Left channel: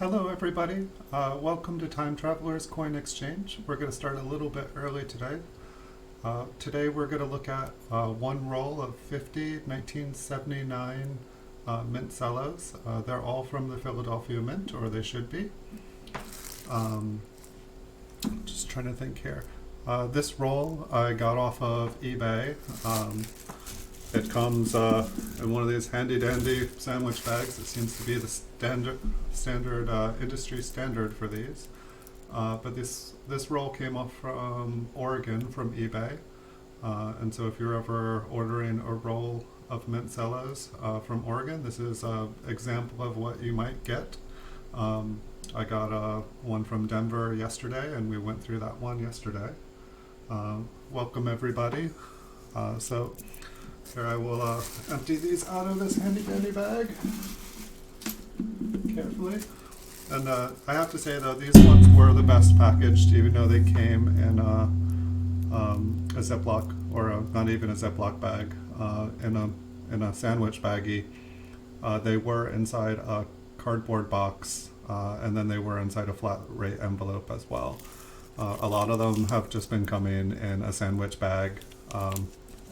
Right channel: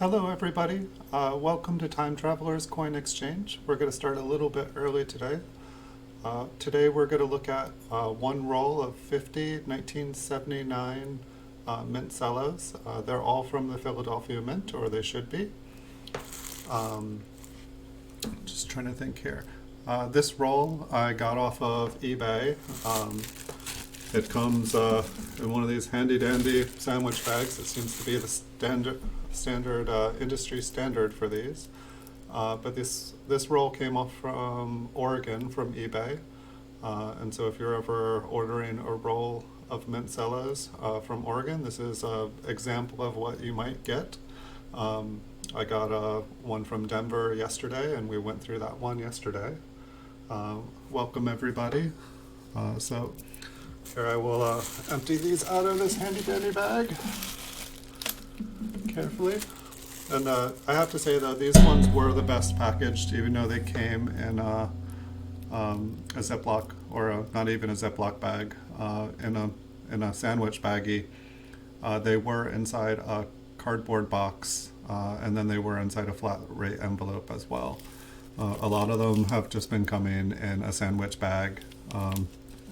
Hello everybody, welcome to Time Traveler's Coin Exchange. We're going to start a little bit early today. Today we're going to look at one roll of 50 1979 Mint Cellos. They're all from the Philadelphia Mint, or they should be. Um, just trying to think here. This roll I got off of eBay. It comes in one of these handy dandy sandwich bags. It seems to be the standard industry standard for these. But this roll came off from Oregon from eBay. And so if you're ever ordering a roll of Mint Cellos from Oregon, this is an example of what you might get. I got one from Denver yesterday, and we went through that one yesterday. Welcome everybody. So here I will empty these out of this handy dandy bag carefully. And I have to say though, these ones were the best packaged, even though they came in a Ziploc, or not even a Ziploc bag, in a sandwich baggie. They were inside a cardboard box, and then they were inside a flat rate envelope as well. A lot of them have just been coming in a sandwich bag,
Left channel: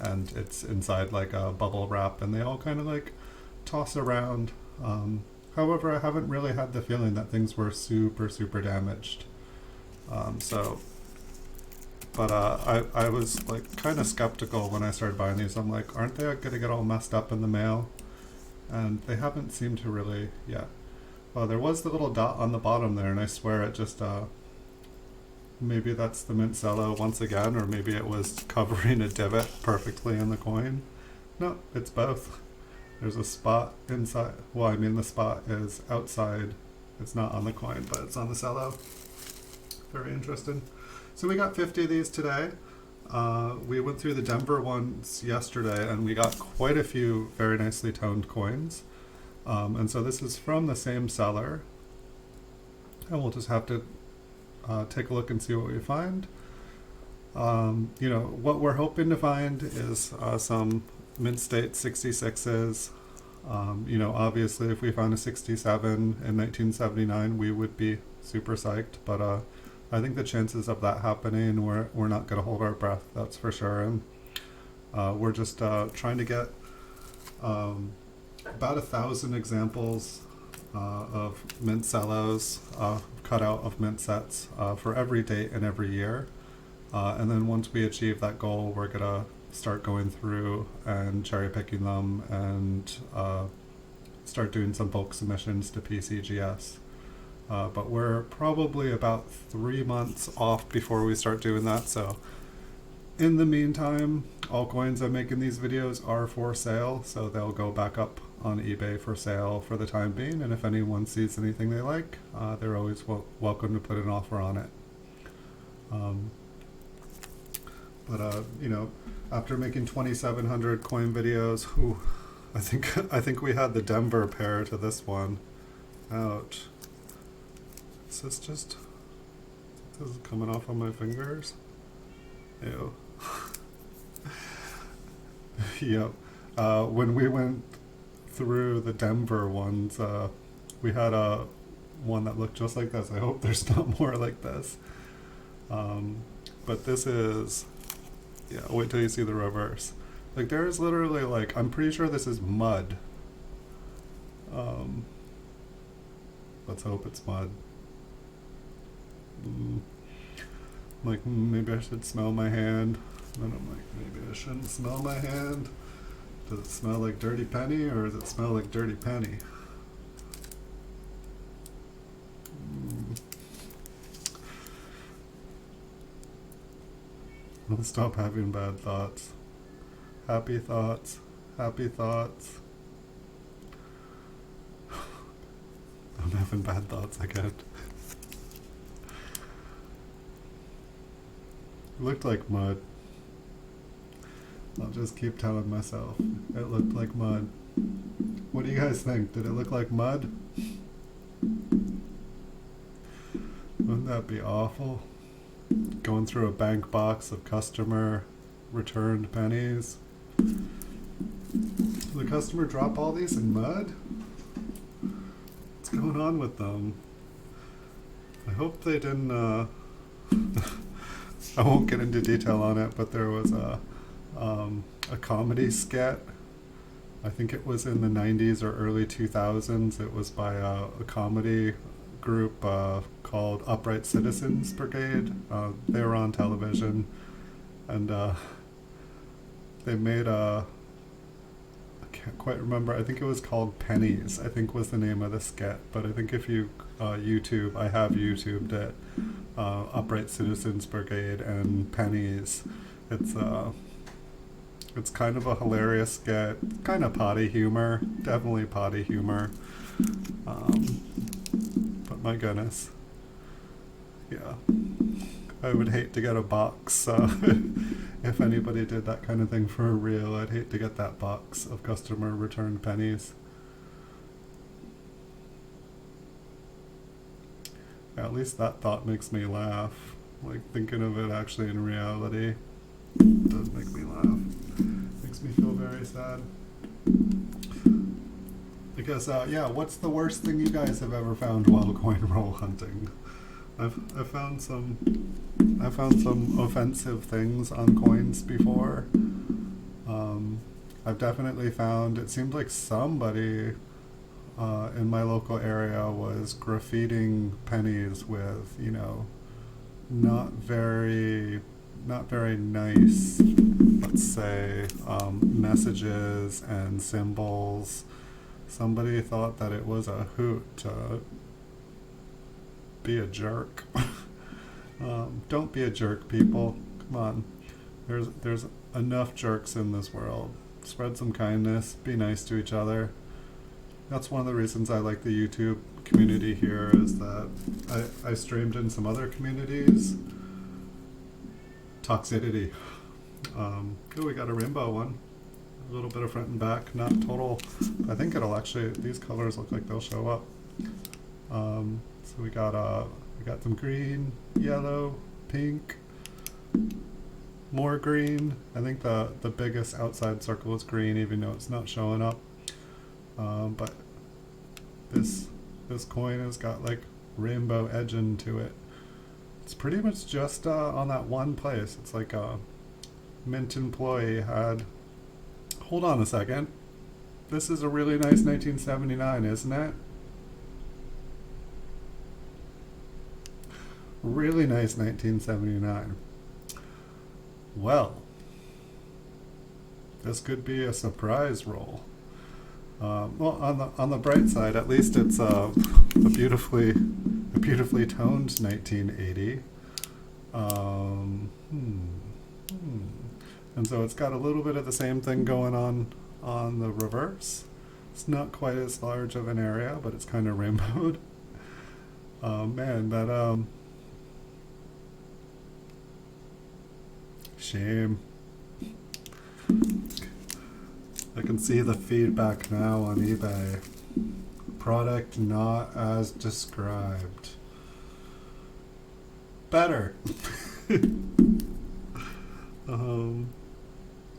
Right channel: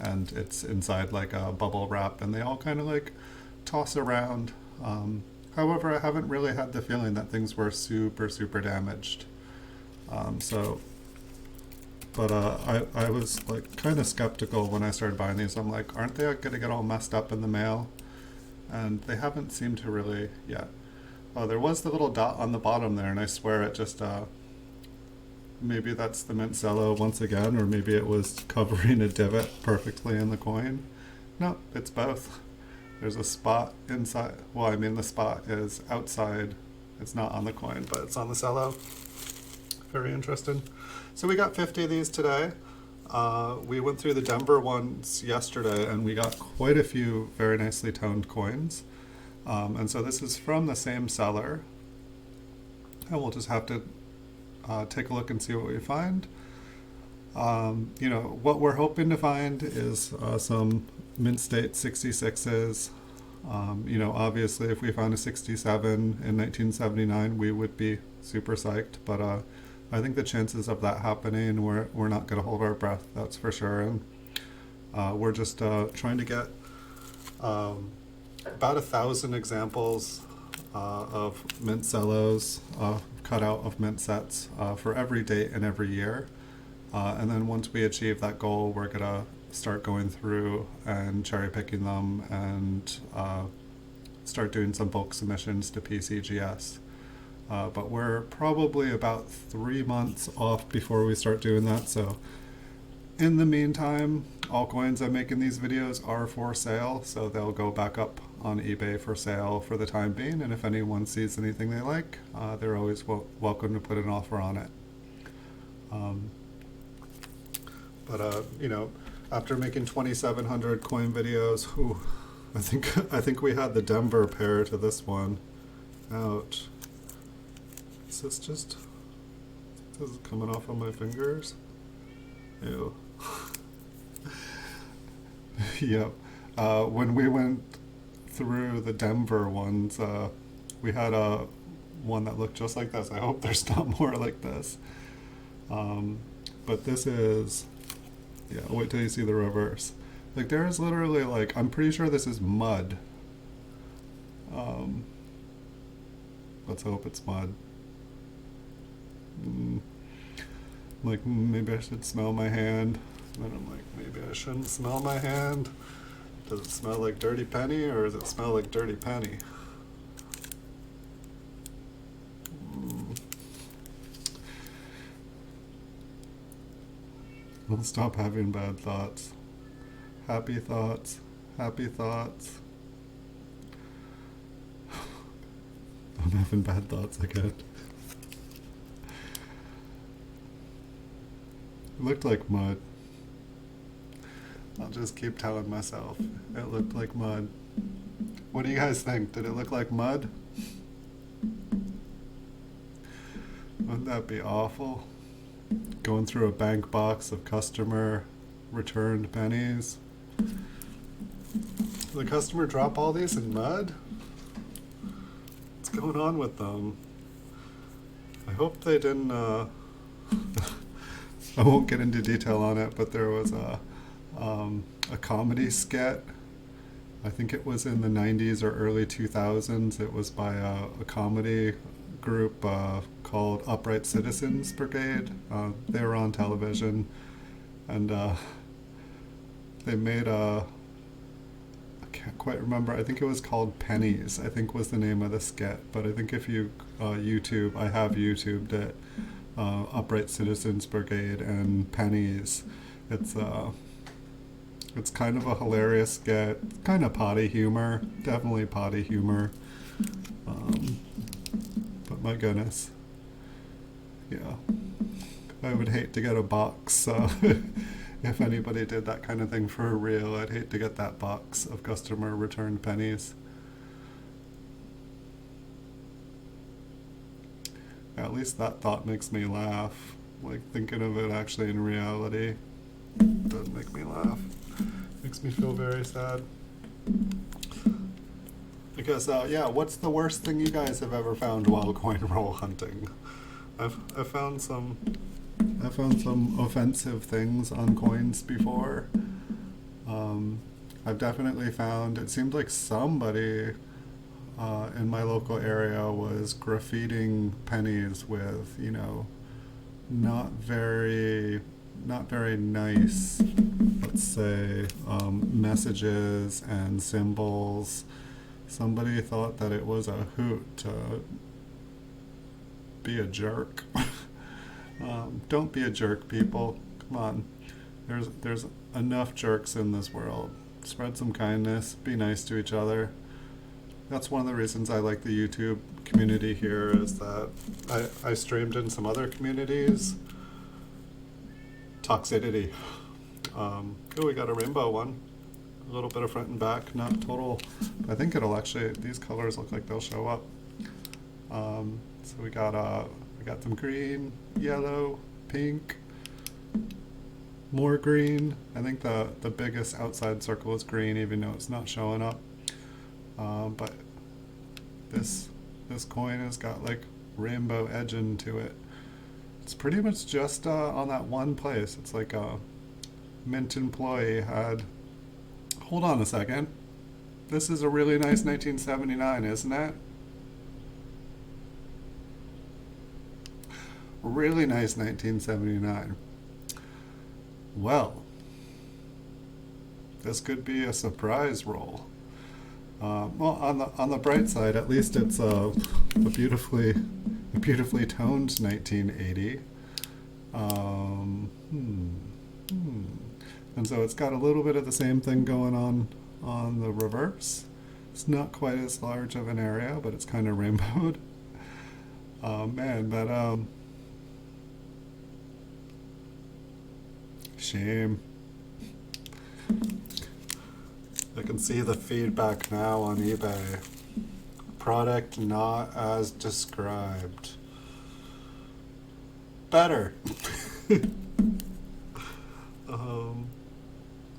and it's inside like a bubble wrap, and they all kind of like toss around. However, I haven't really had the feeling that things were super damaged. I was like kind of skeptical when I started buying these. I'm like, aren't they going to get all messed up in the mail? And they haven't seemed to really yet. Oh, there was the little dot on the bottom there, and I swear it just maybe that's the Mint Cello once again, or maybe it was covering a divot perfectly in the coin. No, it's both. There's a spot inside. Well, I mean, the spot is outside. It's not on the coin, but it's on the cello. Very interesting. So we got 50 of these today. We went through the Denver ones yesterday, and we got quite a few very nicely toned coins. And so this is from the same seller. And we'll just have to take a look and see what we find. What we're hoping to find is some Mint State 66s. Obviously if we found a 67 in 1979, we would be super psyched, but I think the chances of that happening, we're not going to hold our breath, that's for sure. And we're just trying to get about 1,000 examples of Mint Cellos cut out of mint sets for every date and every year. And then once we achieve that goal, we're going to start going through and cherry picking them and start doing some bulk submissions to PCGS. But we're probably about 3 months off before we start doing that. So in the meantime, all coins I make in these videos are for sale, so they'll go back up on eBay for sale for the time being. And if anyone sees anything they like, they're always welcome to put an offer on it. After making 2,700 coin videos, I think we had the Denver pair to this one. Ouch. This is coming off on my fingers. Ew. Yep. When we went through the Denver ones, we had one that looked just like this. I hope there's not more like this. But this is, yeah, wait till you see the reverse. Like there is literally like, I'm pretty sure this is mud. Let's hope it's mud. Maybe I should smell my hand. And then I'm like, maybe I shouldn't smell my hand. Does it smell like Dirty Penny, or does it smell like Dirty Penny? I'll stop having bad thoughts. Happy thoughts. Happy thoughts. I'm having bad thoughts again. It looked like mud. I'll just keep telling myself it looked like mud. What do you guys think? Did it look like mud? Wouldn't that be awful? Going through a bank box of customer returned pennies. Did the customer drop all these in mud? What's going on with them? I hope they didn't, I won't get into detail on it, but there was a comedy skit. I think it was in the 90s or early 2000s. It was by a comedy group called Upright Citizens Brigade. They were on television, and they made I can't quite remember. I think it was called Pennies, I think was the name of the skit. But I think if you YouTube, I have YouTubed it, Upright Citizens Brigade and Pennies. It's it's kind of a hilarious skit, kind of potty humor, definitely potty humor. But my goodness, yeah, I would hate to get a box. If anybody did that kind of thing for real, I'd hate to get that box of customer returned pennies. At least that thought makes me laugh. Like thinking of it actually in reality does make me laugh. Makes me feel very sad. Because yeah, what's the worst thing you guys have ever found while coin roll hunting? I've found some offensive things on coins before. I've definitely found, it seemed like somebody in my local area was graffitiing pennies with, not very nice, let's say, messages and symbols. Somebody thought that it was a hoot to be a jerk. Don't be a jerk, people. Come on. There's enough jerks in this world. Spread some kindness. Be nice to each other. That's one of the reasons I like the YouTube community here, is that I streamed in some other communities. Toxicity. Oh, we got a rainbow one. A little bit of front and back, not total. I think it'll actually, these colors look like they'll show up. So we got some green, yellow, pink, more green. I think the biggest outside circle is green, even though it's not showing up. But this coin has got like rainbow edging to it. It's pretty much just on that one place. It's like a Mint employee had. Hold on a second. This is a really nice 1979, isn't it? Really nice 1979. Well, this could be a surprise roll. Well, on the bright side, at least it's a beautifully toned 1980. And so it's got a little bit of the same thing going on the reverse. It's not quite as large of an area, but it's kind of rainbowed. Man, but shame. I can see the feedback now on eBay. Product not as described. Better.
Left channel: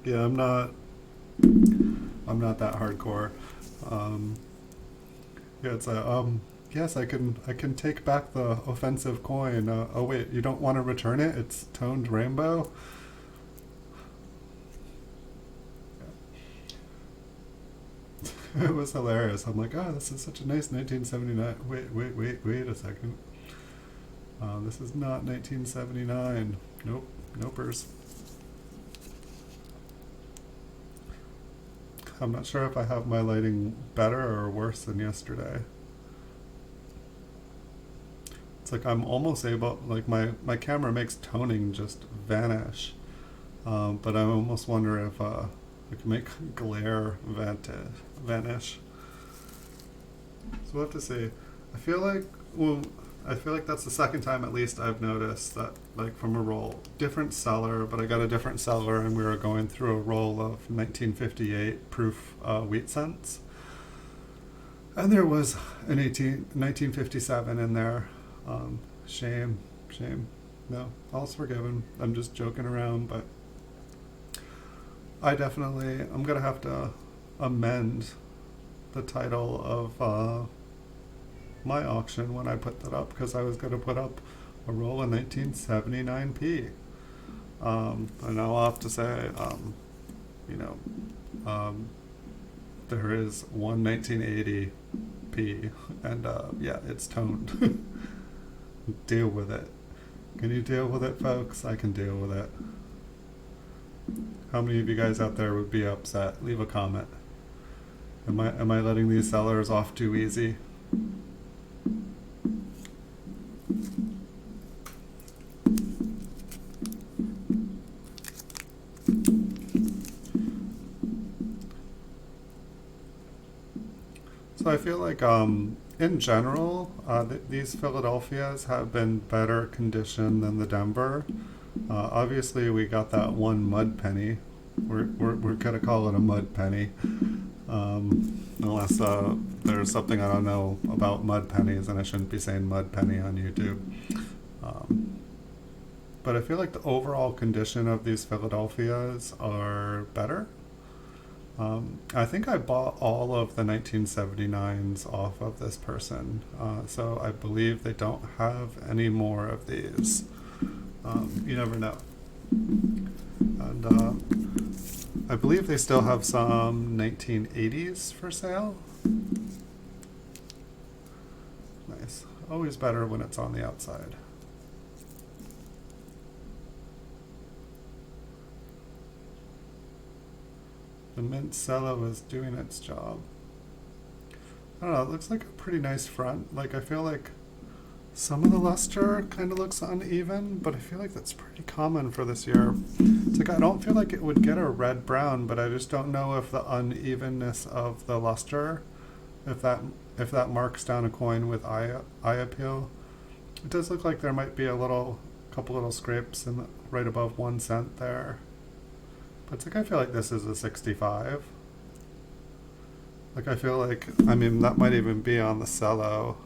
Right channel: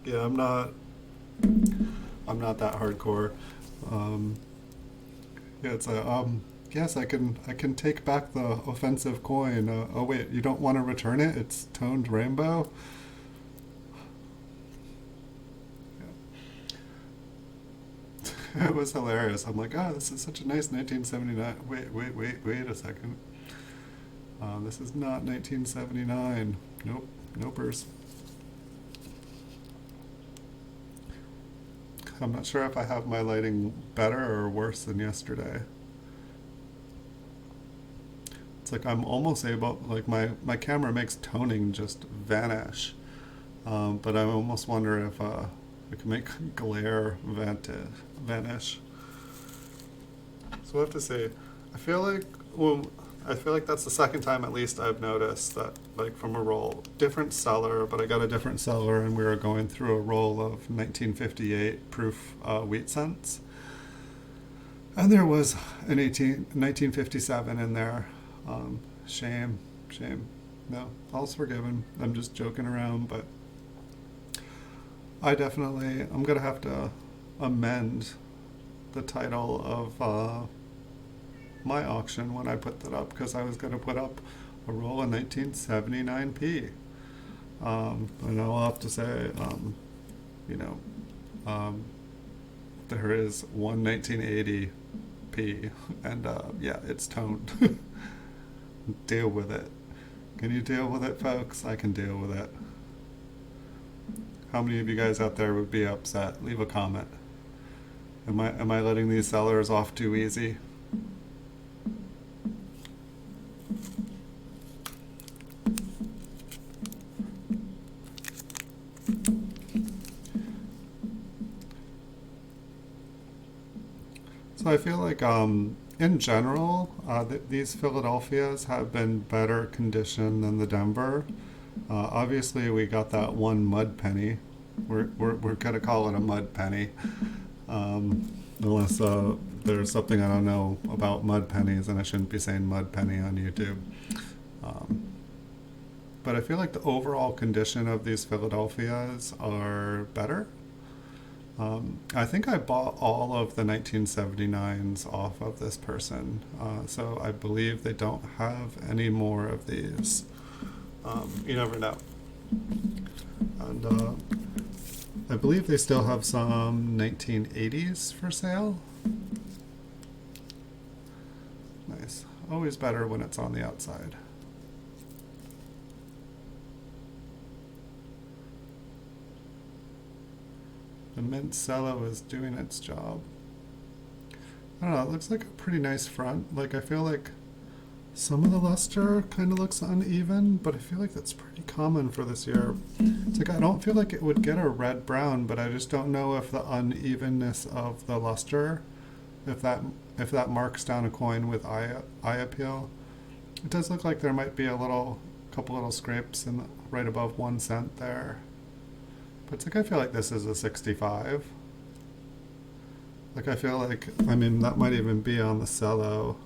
Yeah, I'm not that hardcore. Yeah, it's a yes, I can take back the offensive coin. Oh wait, you don't want to return it? It's toned rainbow. It was hilarious. I'm like, this is such a nice 1979. Wait a second. This is not 1979. Nope, nopers. I'm not sure if I have my lighting better or worse than yesterday. It's like I'm almost able, like my camera makes toning just vanish. But I almost wonder if I can make glare vanish. So we'll have to see. I feel like that's the second time at least I've noticed that, like, from a roll, different seller, but I got a different seller and we were going through a roll of 1958 proof wheat cents. And there was an 1957 in there. Shame. No, all's forgiven. I'm just joking around, but I'm going to have to amend the title of my auction when I put that up, because I was going to put up a roll in 1979p. And I'll have to say, you know, there is one 1980p, and yeah, it's toned. Deal with it. Can you deal with it, folks? I can deal with it. How many of you guys out there would be upset? Leave a comment. Am I letting these sellers off too easy? So I feel like in general, these Philadelphias have been better conditioned than the Denver. Obviously, we got that one mud penny. We're gonna call it a mud penny, unless there's something I don't know about mud pennies, and I shouldn't be saying mud penny on YouTube. But I feel like the overall condition of these Philadelphias are better. I think I bought all of the 1979s off of this person, so I believe they don't have any more of these. You never know. And I believe they still have some 1980s for sale. Nice. Always better when it's on the outside. The Mint Cello is doing its job. I don't know, it looks like a pretty nice front. Like, I feel like some of the luster kind of looks uneven, but I feel like that's pretty common for this year. It's like, I don't feel like it would get a red-brown, but I just don't know if the unevenness of the luster, if that marks down a coin with eye appeal. It does look like there might be couple little scrapes right above 1 cent there. But it's like, I feel like this is a 65. Like, I feel like, I mean, that might even be on the cello.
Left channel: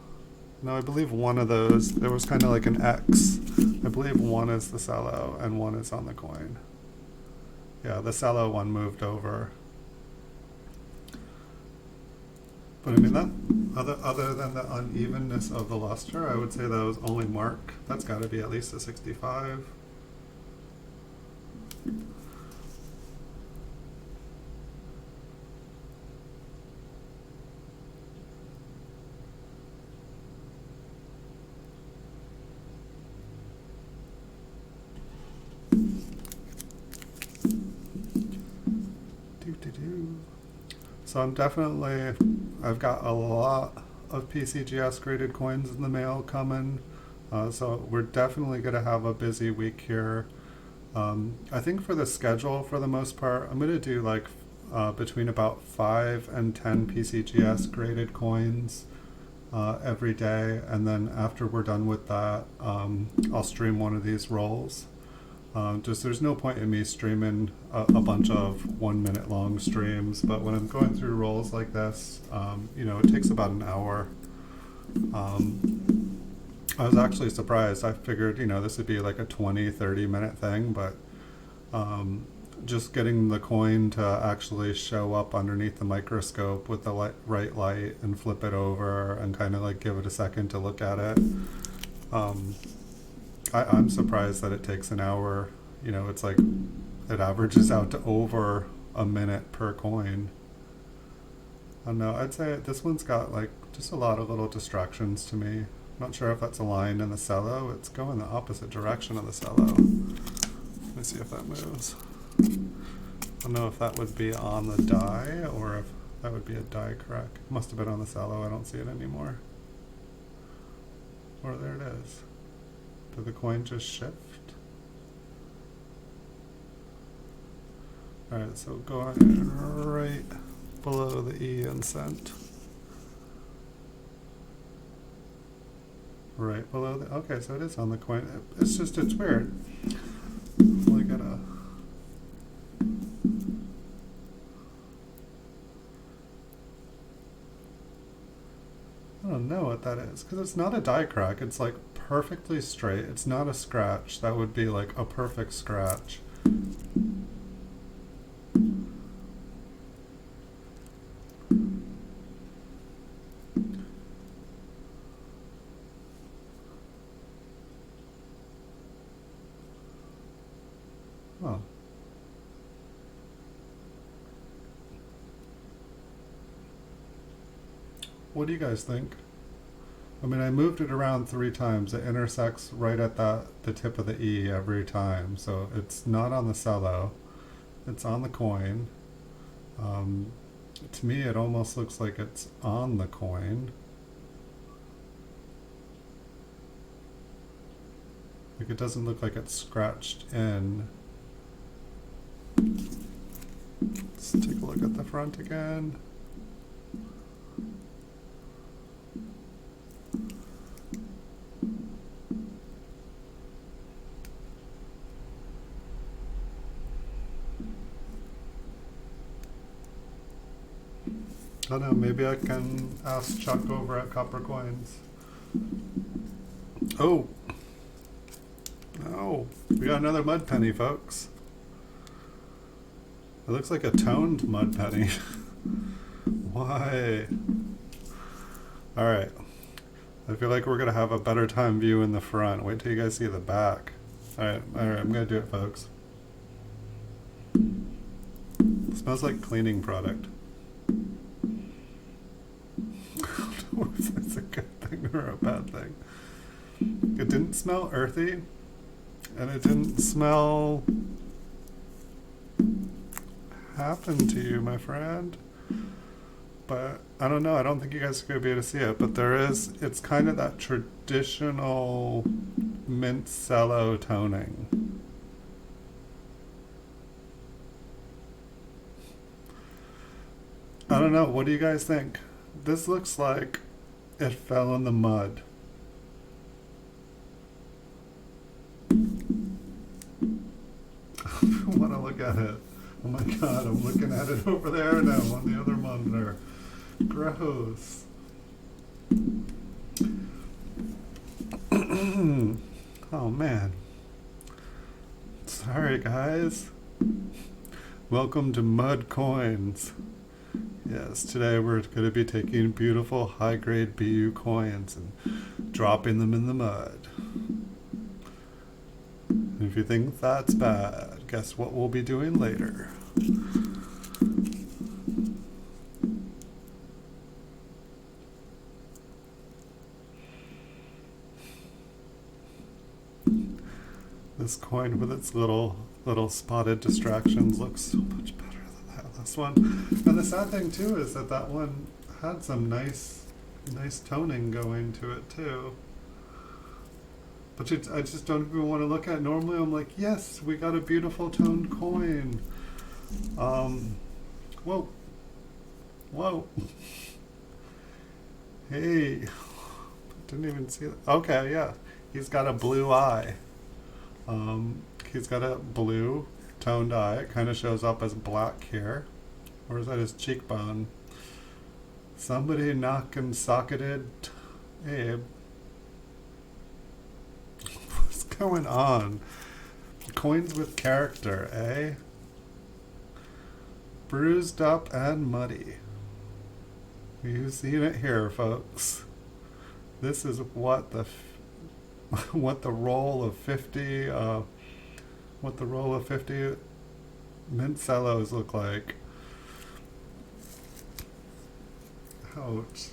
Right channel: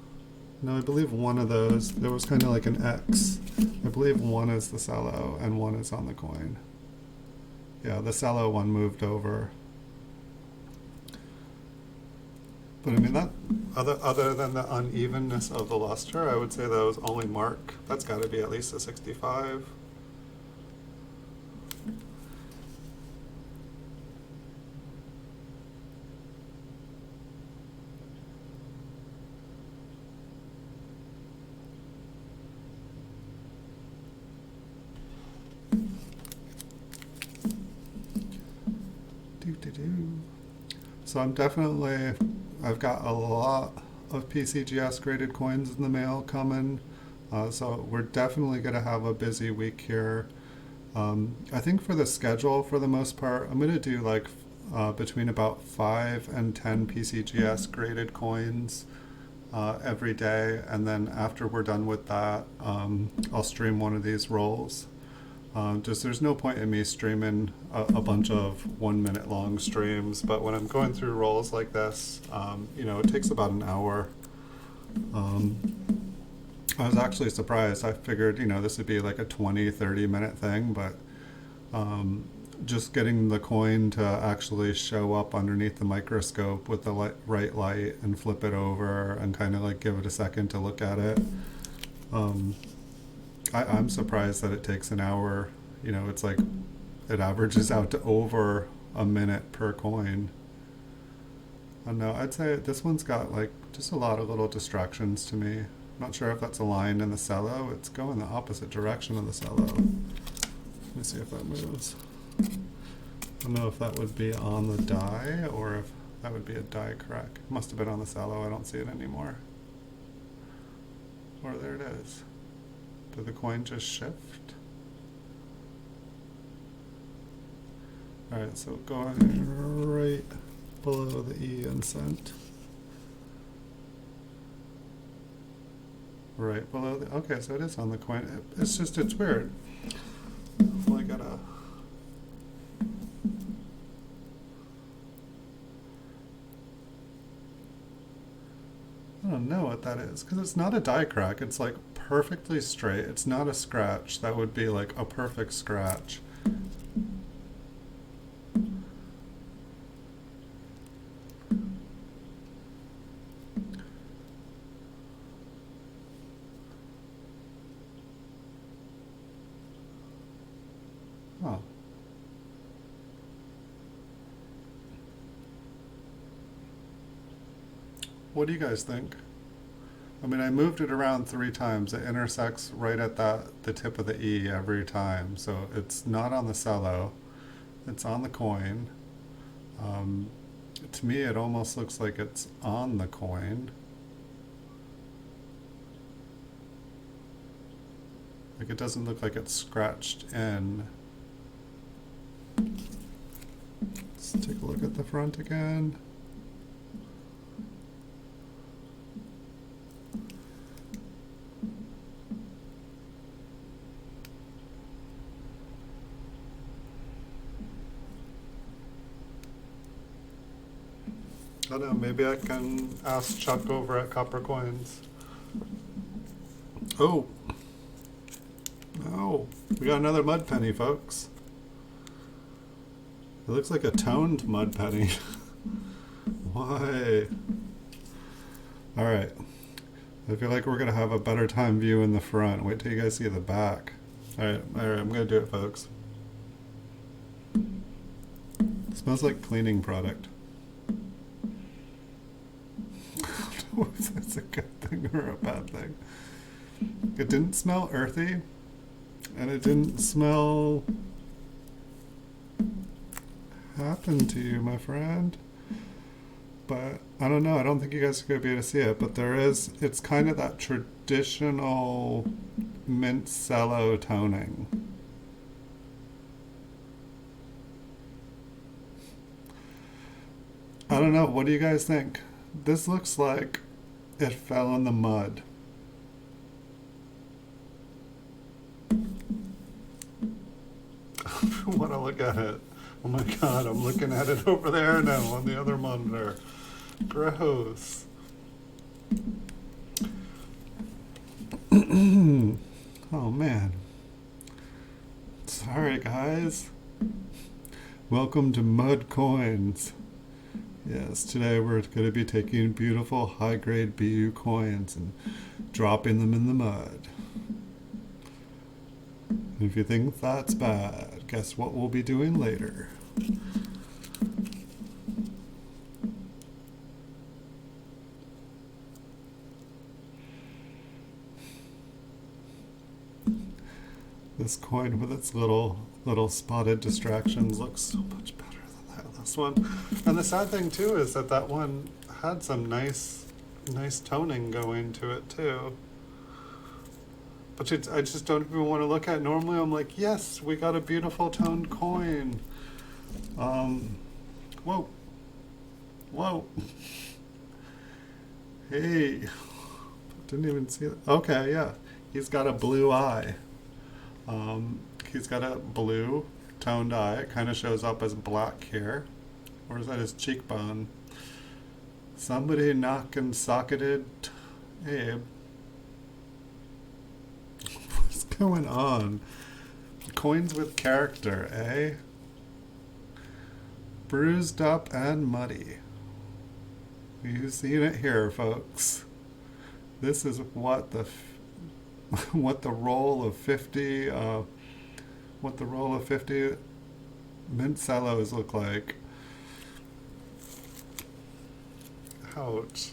No, I believe one of those, there was kind of like an X. I believe one is the cello and one is on the coin. Yeah, the cello one moved over. But I mean, that other than the unevenness of the luster, I would say those only mark. That's got to be at least a 65. So I've got a lot of PCGS graded coins in the mail coming. So we're definitely going to have a busy week here. I think for the schedule, for the most part, I'm going to do like between about 5 and 10 PCGS graded coins every day. And then after we're done with that, I'll stream one of these rolls. There's no point in me streaming a bunch of 1 minute long streams, but when I'm going through rolls like this, it takes about an hour. I was actually surprised. I figured, this would be like a 20-30 minute thing, but just getting the coin to actually show up underneath the microscope with the right light and flip it over and kind of like give it a second to look at it. I'm surprised that it takes an hour. It's like it averages out to over a minute per coin. I don't know, I'd say this one's got like just a lot of little distractions to me. Not sure if that's aligned in the cello. It's going the opposite direction of the cello. Let me see if that moves. I don't know if that would be on the die or if that would be a die crack. It must have been on the cello. I don't see it anymore. Or there it is. Did the coin just shift? Alright, so going right below the E and cent. Right below the, okay, so it is on the coin. It's weird. Well, I gotta, I don't know what that is, because it's not a die crack. It's like perfectly straight. It's not a scratch. That would be like a perfect scratch. What do you guys think? I mean, I moved it around 3 times. It intersects right at the tip of the E every time. So it's not on the cello. It's on the coin. Um, to me, it almost looks like it's on the coin. Like it doesn't look like it's scratched in. Let's take a look at the front again. I don't know, maybe I can ask Chuck over at Copper Coins. Oh! No! We got another mud penny, folks. It looks like a toned mud penny. Why? Alright. I feel like we're going to have a better time viewing the front. Wait till you guys see the back. Alright, I'm going to do it, folks. It smells like cleaning product. I don't know if that's a good thing or a bad thing. It didn't smell earthy, and it didn't smell... happened to you, my friend. But I don't know, I don't think you guys are going to be able to see it, but it's kind of that traditional Mint Cello toning. I don't know, what do you guys think? This looks like it fell in the mud. I want to look at it. Oh my god, I'm looking at it over there now on the other monitor. Gross. Oh man. Sorry guys. Welcome to Mud Coins. Yes, today we're going to be taking beautiful high-grade BU coins and dropping them in the mud. If you think that's bad, guess what we'll be doing later. This coin with its little spotted distractions looks so much better than that last one. And the sad thing too is that one had some nice toning going to it too. But I just don't even want to look at it. Normally I'm like, yes, we got a beautiful toned coin. Whoa. Whoa. Hey. Didn't even see it. Okay, yeah. He's got a blue eye. He's got a blue toned eye. It kind of shows up as black here. Or is that his cheekbone? Somebody knocking socketed Abe. What's going on? Coins with character, eh? Bruised up and muddy. You've seen it here, folks. This is what the roll of 50 Mint Cellos look like. Ouch.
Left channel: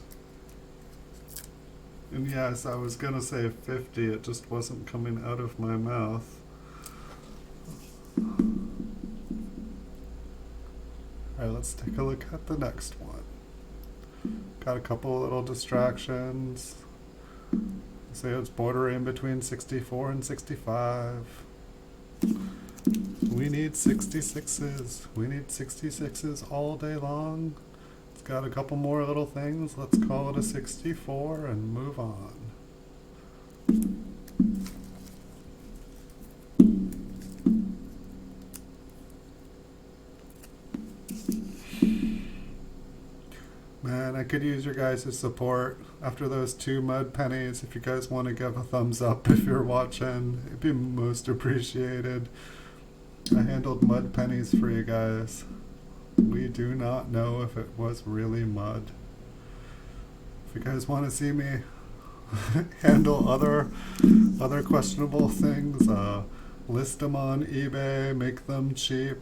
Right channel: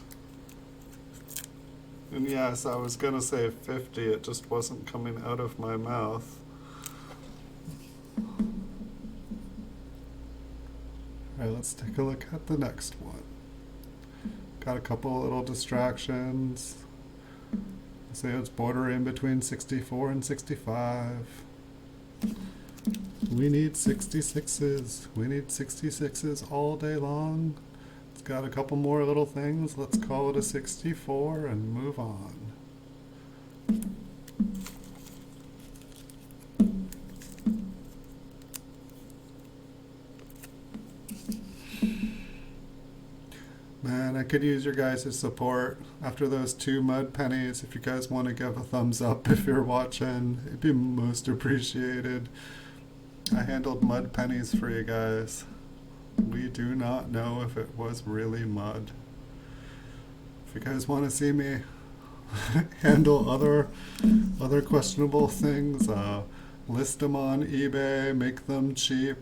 And yes, I was gonna say 50, it just wasn't coming out of my mouth. Alright, let's take a look at the next one. Got a couple little distractions. Say it's bordering between 64 and 65. We need 66s. We need 66s all day long. It's got a couple more little things. Let's call it a 64 and move on. Man, I could use your guys' support after those 2 mud pennies. If you guys want to give a thumbs up if you're watching, it'd be most appreciated. I handled mud pennies for you guys. We do not know if it was really mud. If you guys want to see me handle other questionable things, list them on eBay, make them cheap,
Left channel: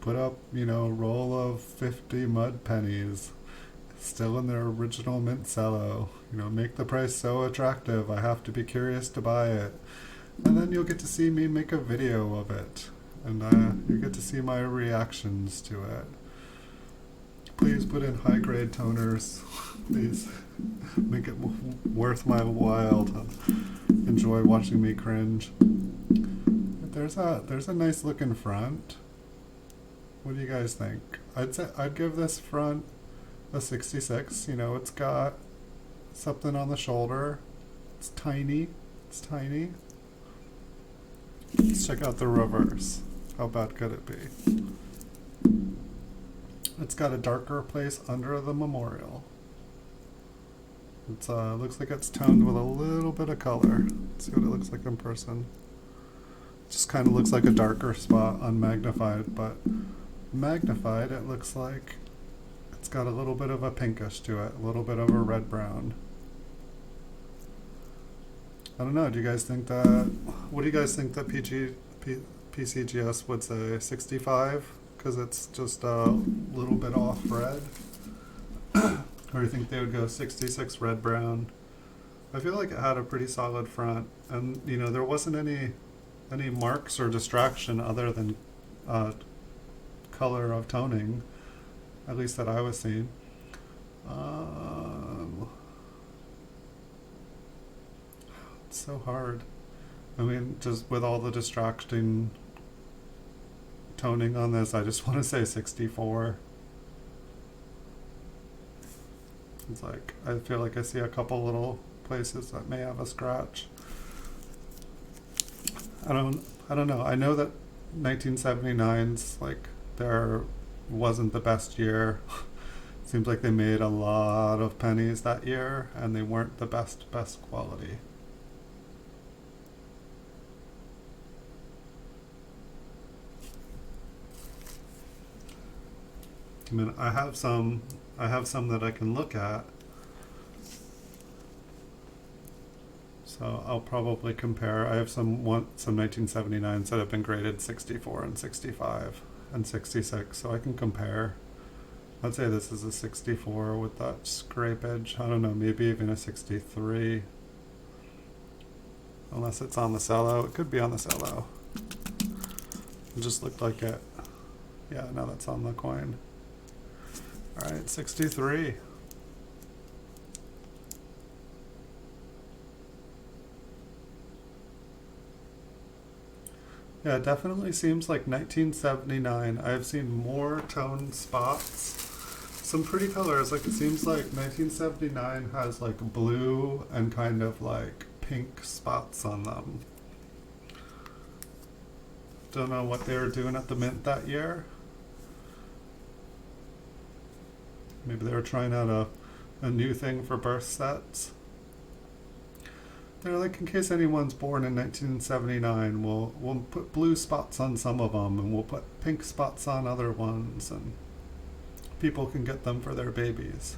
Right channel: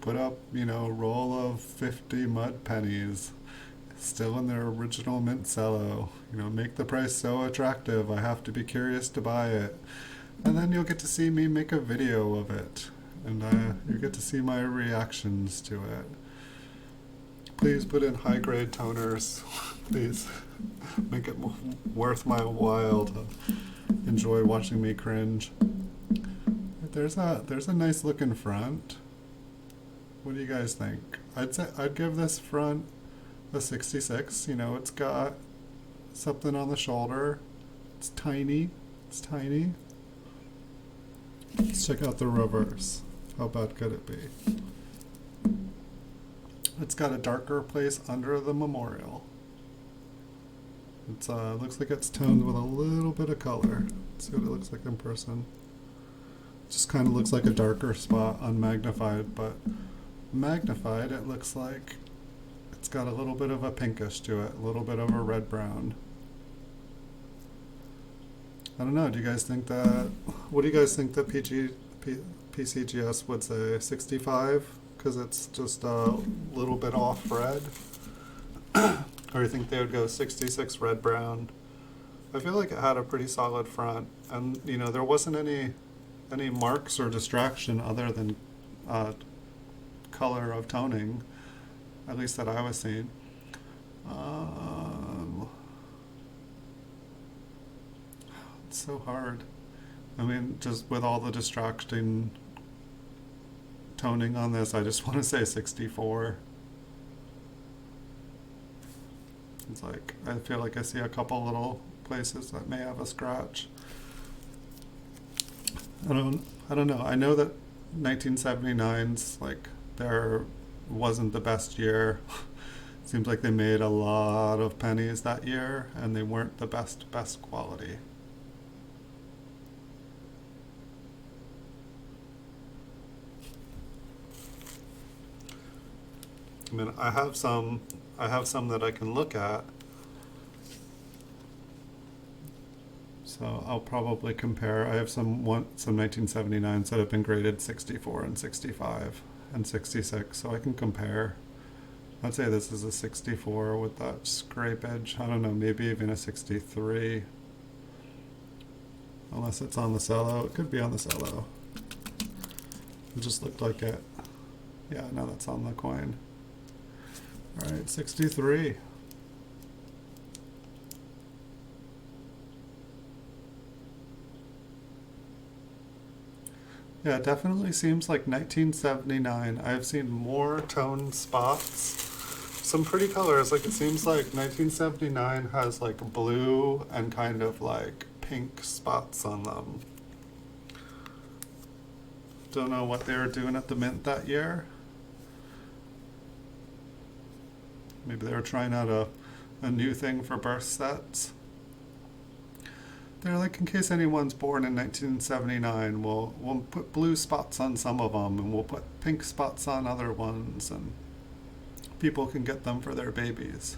put up, a roll of 50 mud pennies. Still in their original Mint Cello. You know, make the price so attractive, I have to be curious to buy it. And then you'll get to see me make a video of it. And you get to see my reactions to it. Please put in high-grade toners. Please make it worth my while to enjoy watching me cringe. There's a nice looking front. What do you guys think? I'd give this front a 66. You know, it's got something on the shoulder. It's tiny. It's tiny. Let's check out the reverse. How bad could it be? It's got a darker place under the memorial. It looks like it's toned with a little bit of color. Let's see what it looks like in person. It just kind of looks like a darker spot unmagnified, but magnified it looks like it's got a little bit of a pinkish to it, a little bit of a red-brown. I don't know, do you guys think that, what do you guys think that PCGS would say? 65? Because it's just a little bit off red? Or you think they would go 66 red-brown? I feel like it had a pretty solid front, and you know, there wasn't any marks or distraction other than color of toning, at least that I was seeing. It's so hard. I mean, just with all the distracting toning on this, I just want to say 64. It's like, I feel like I see a couple little places that may have a scratch. I don't know. I know that 1979's like there wasn't the best year. Seems like they made a lot of pennies that year and they weren't the best quality. I mean, I have some that I can look at. So I'll probably compare. I have some 1979s that have been graded 64 and 65 and 66, so I can compare. I'd say this is a 64 with that scrapage. I don't know, maybe even a 63. Unless it's on the cello. It could be on the cello. It just looked like it. Yeah, no, that's on the coin. Alright, 63. Yeah, it definitely seems like 1979. I've seen more tone spots. Some pretty colors. Like, it seems like 1979 has like blue and kind of like pink spots on them. Don't know what they were doing at the Mint that year. Maybe they were trying out a new thing for burst sets. They're like, in case anyone's born in 1979, we'll put blue spots on some of them, and we'll put pink spots on other ones, and people can get them for their babies.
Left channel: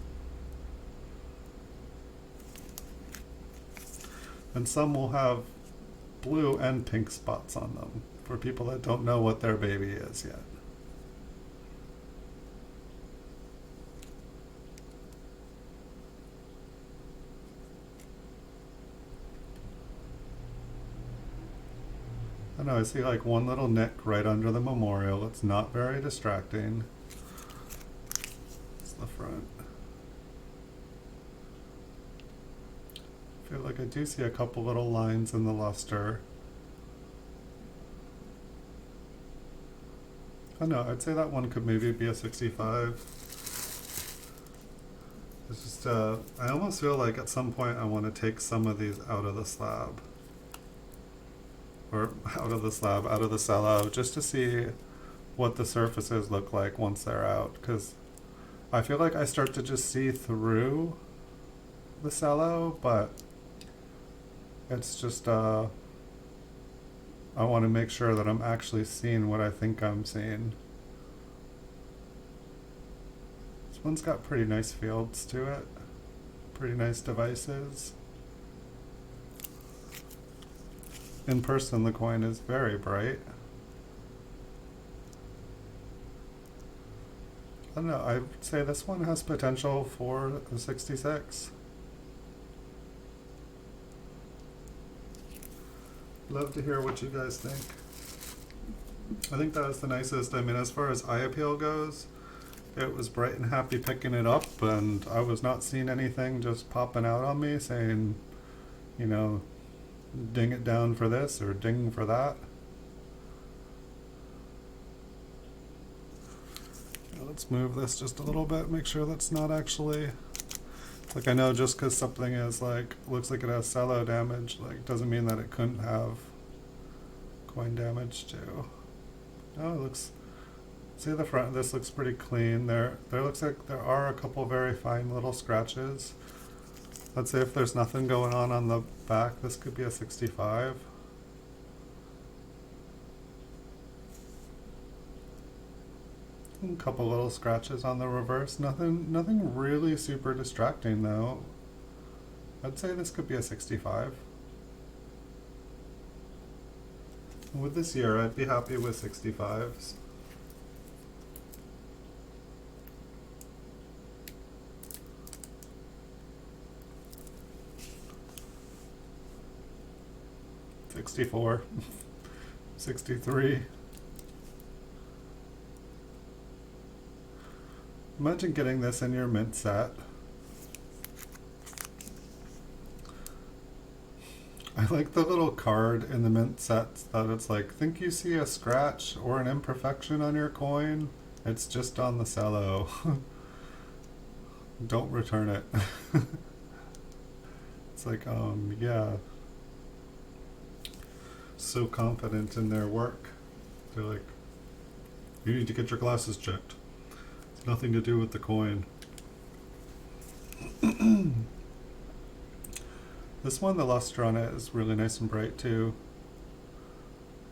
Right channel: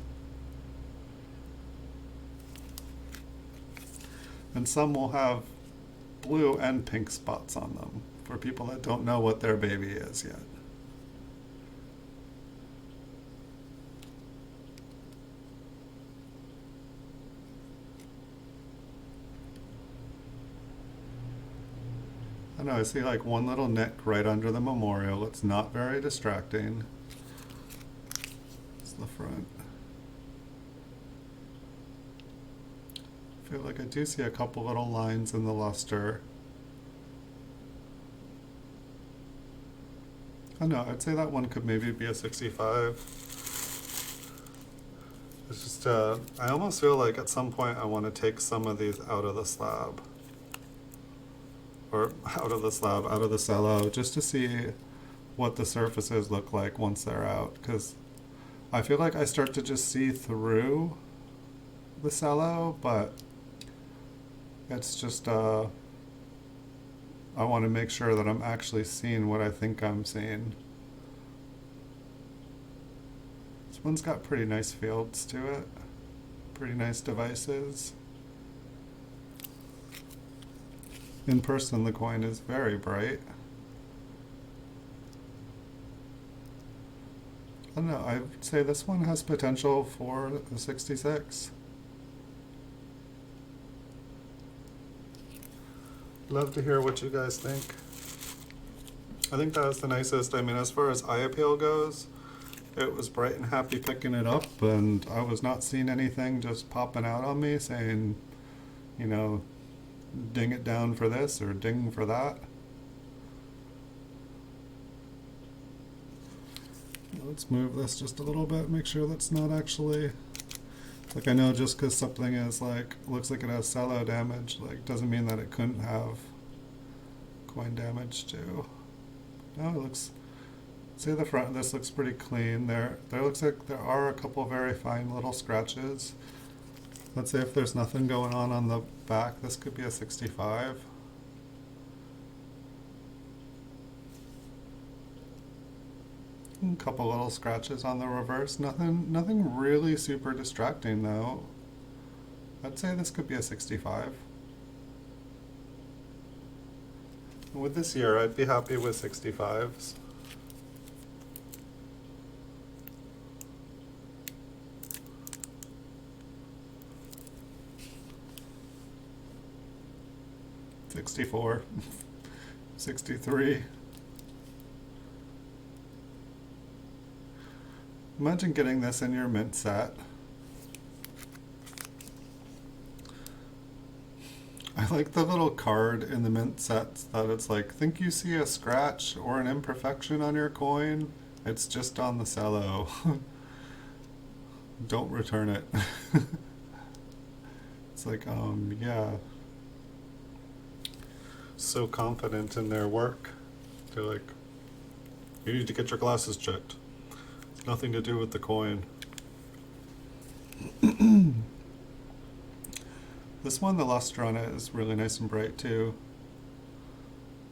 And some will have blue and pink spots on them for people that don't know what their baby is yet. I know, I see like one little nick right under the memorial. It's not very distracting. It's the front. I feel like I do see a couple little lines in the luster. I know, I'd say that one could maybe be a 65. It's just, I almost feel like at some point I want to take some of these out of the slab. Or out of the cello, just to see what the surfaces look like once they're out, because I feel like I start to just see through the cello, but it's just, I want to make sure that I'm actually seeing what I think I'm seeing. This one's got pretty nice fields to it, pretty nice devices. In person, the coin is very bright. don't know, I'd say this one has potential for a 66. Love to hear what you guys think. I think that was the nicest. I mean, as far as eye appeal goes, it was bright and happy picking it up, and I was not seeing anything just popping out on me saying, you know, ding it down for this or ding for that. Let's move this just a little bit, make sure that's not actually, like, I know just because something is like, looks like it has cello damage, like, doesn't mean that it couldn't have coin damage too. Oh, it looks, see the front, this looks pretty clean. There looks like there are a couple very fine little scratches. Let's say if there's nothing going on the back, this could be a 65. A couple little scratches on the reverse. Nothing really super distracting though. I'd say this could be a 65. With this year, I'd be happy with 65s. $64, $63. Imagine getting this in your mint set. I like the little card in the mint sets that it's like, think you see a scratch or an imperfection on your coin? It's just on the cello. Don't return it. It's like, yeah. So confident in their work. They're like, you need to get your glasses checked. It's nothing to do with the coin. This one, the luster on it is really nice and bright too.